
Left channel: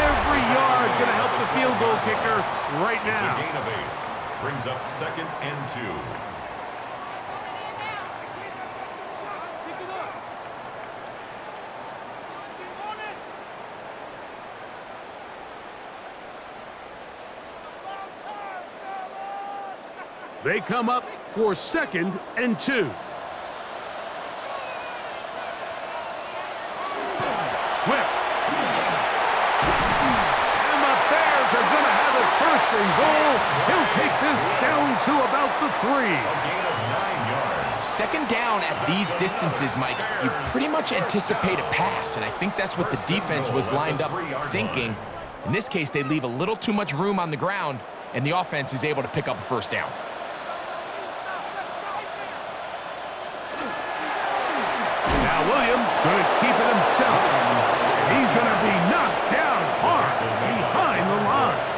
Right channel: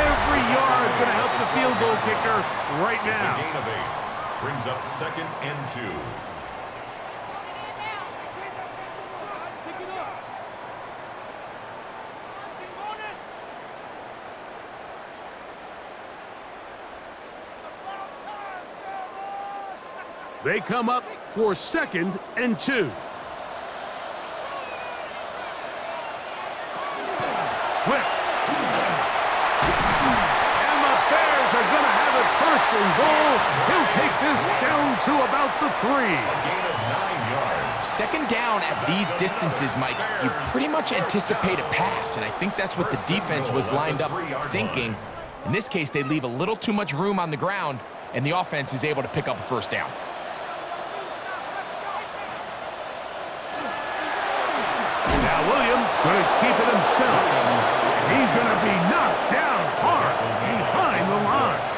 Every yard going to help the field goal kicker right now. It's a gain of 8. Brings up 2nd and 2. They come up for 2nd and 2. Swift. And the Bears are going to have it 1st and goal. He'll take this down to about the 3. A gain of 9 yards. 2nd down at these distances, Mike, you pretty much anticipate a pass, and I think that's what the defense was lined up thinking. In this case, they leave a little too much room on the ground, and the offense is able to pick up a 1st down. Now Williams going to keep it himself. And he's going to be knocked down hard behind the line.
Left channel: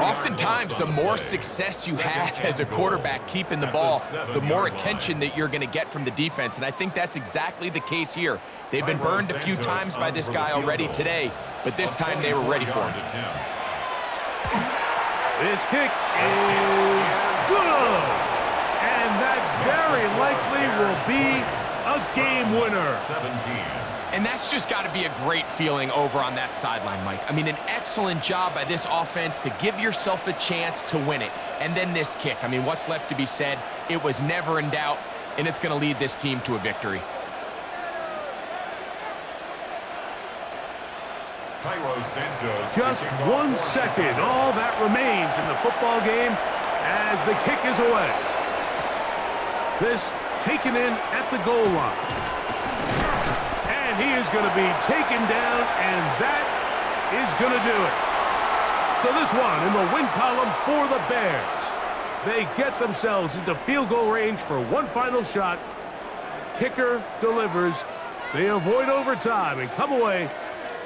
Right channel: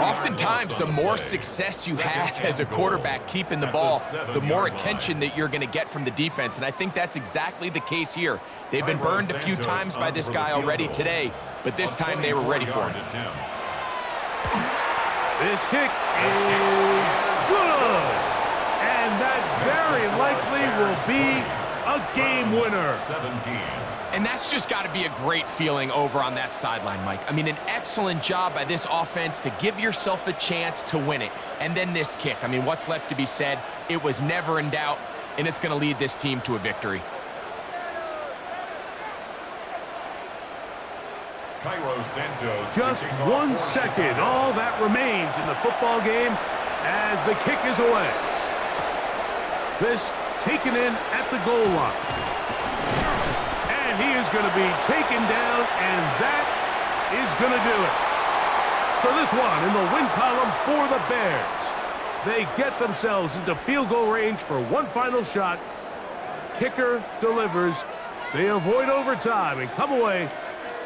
Oftentimes, the more success you have as a quarterback keeping the ball, the more attention that you're going to get from the defense, and I think that's exactly the case here. They've been burned a few times by this guy already today, but this time they were ready for him. This kick is good, and that very likely will be a game winner. 17. And that's just got to be a great feeling over on that sideline, Mike. I mean, an excellent job by this offense to give yourself a chance to win it. And then this kick. I mean, what's left to be said? It was never in doubt, and it's going to lead this team to a victory. Just 1 second, all that remains in the football game as the kick is away. This taken in at the goal line. And he is going to be taken down, and that is going to do it. So this one in the win column for the Bears. They get themselves into field goal range for one final shot. Kicker delivers. They avoid overtime and come away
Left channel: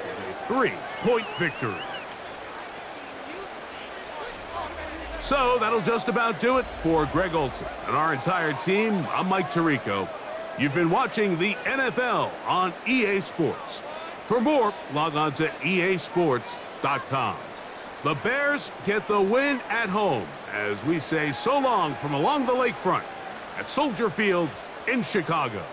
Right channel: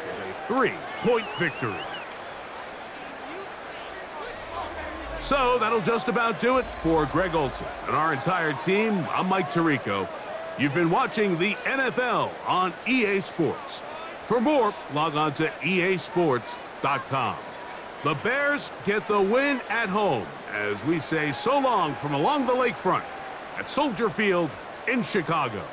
with a 3-point victory. So that'll just about do it for Greg Olson and our entire team. I'm Mike Tirico. You've been watching the NFL on EA Sports. For more, log on to easports.com. The Bears get the win at home as we say so long from along the lakefront at Soldier Field in Chicago.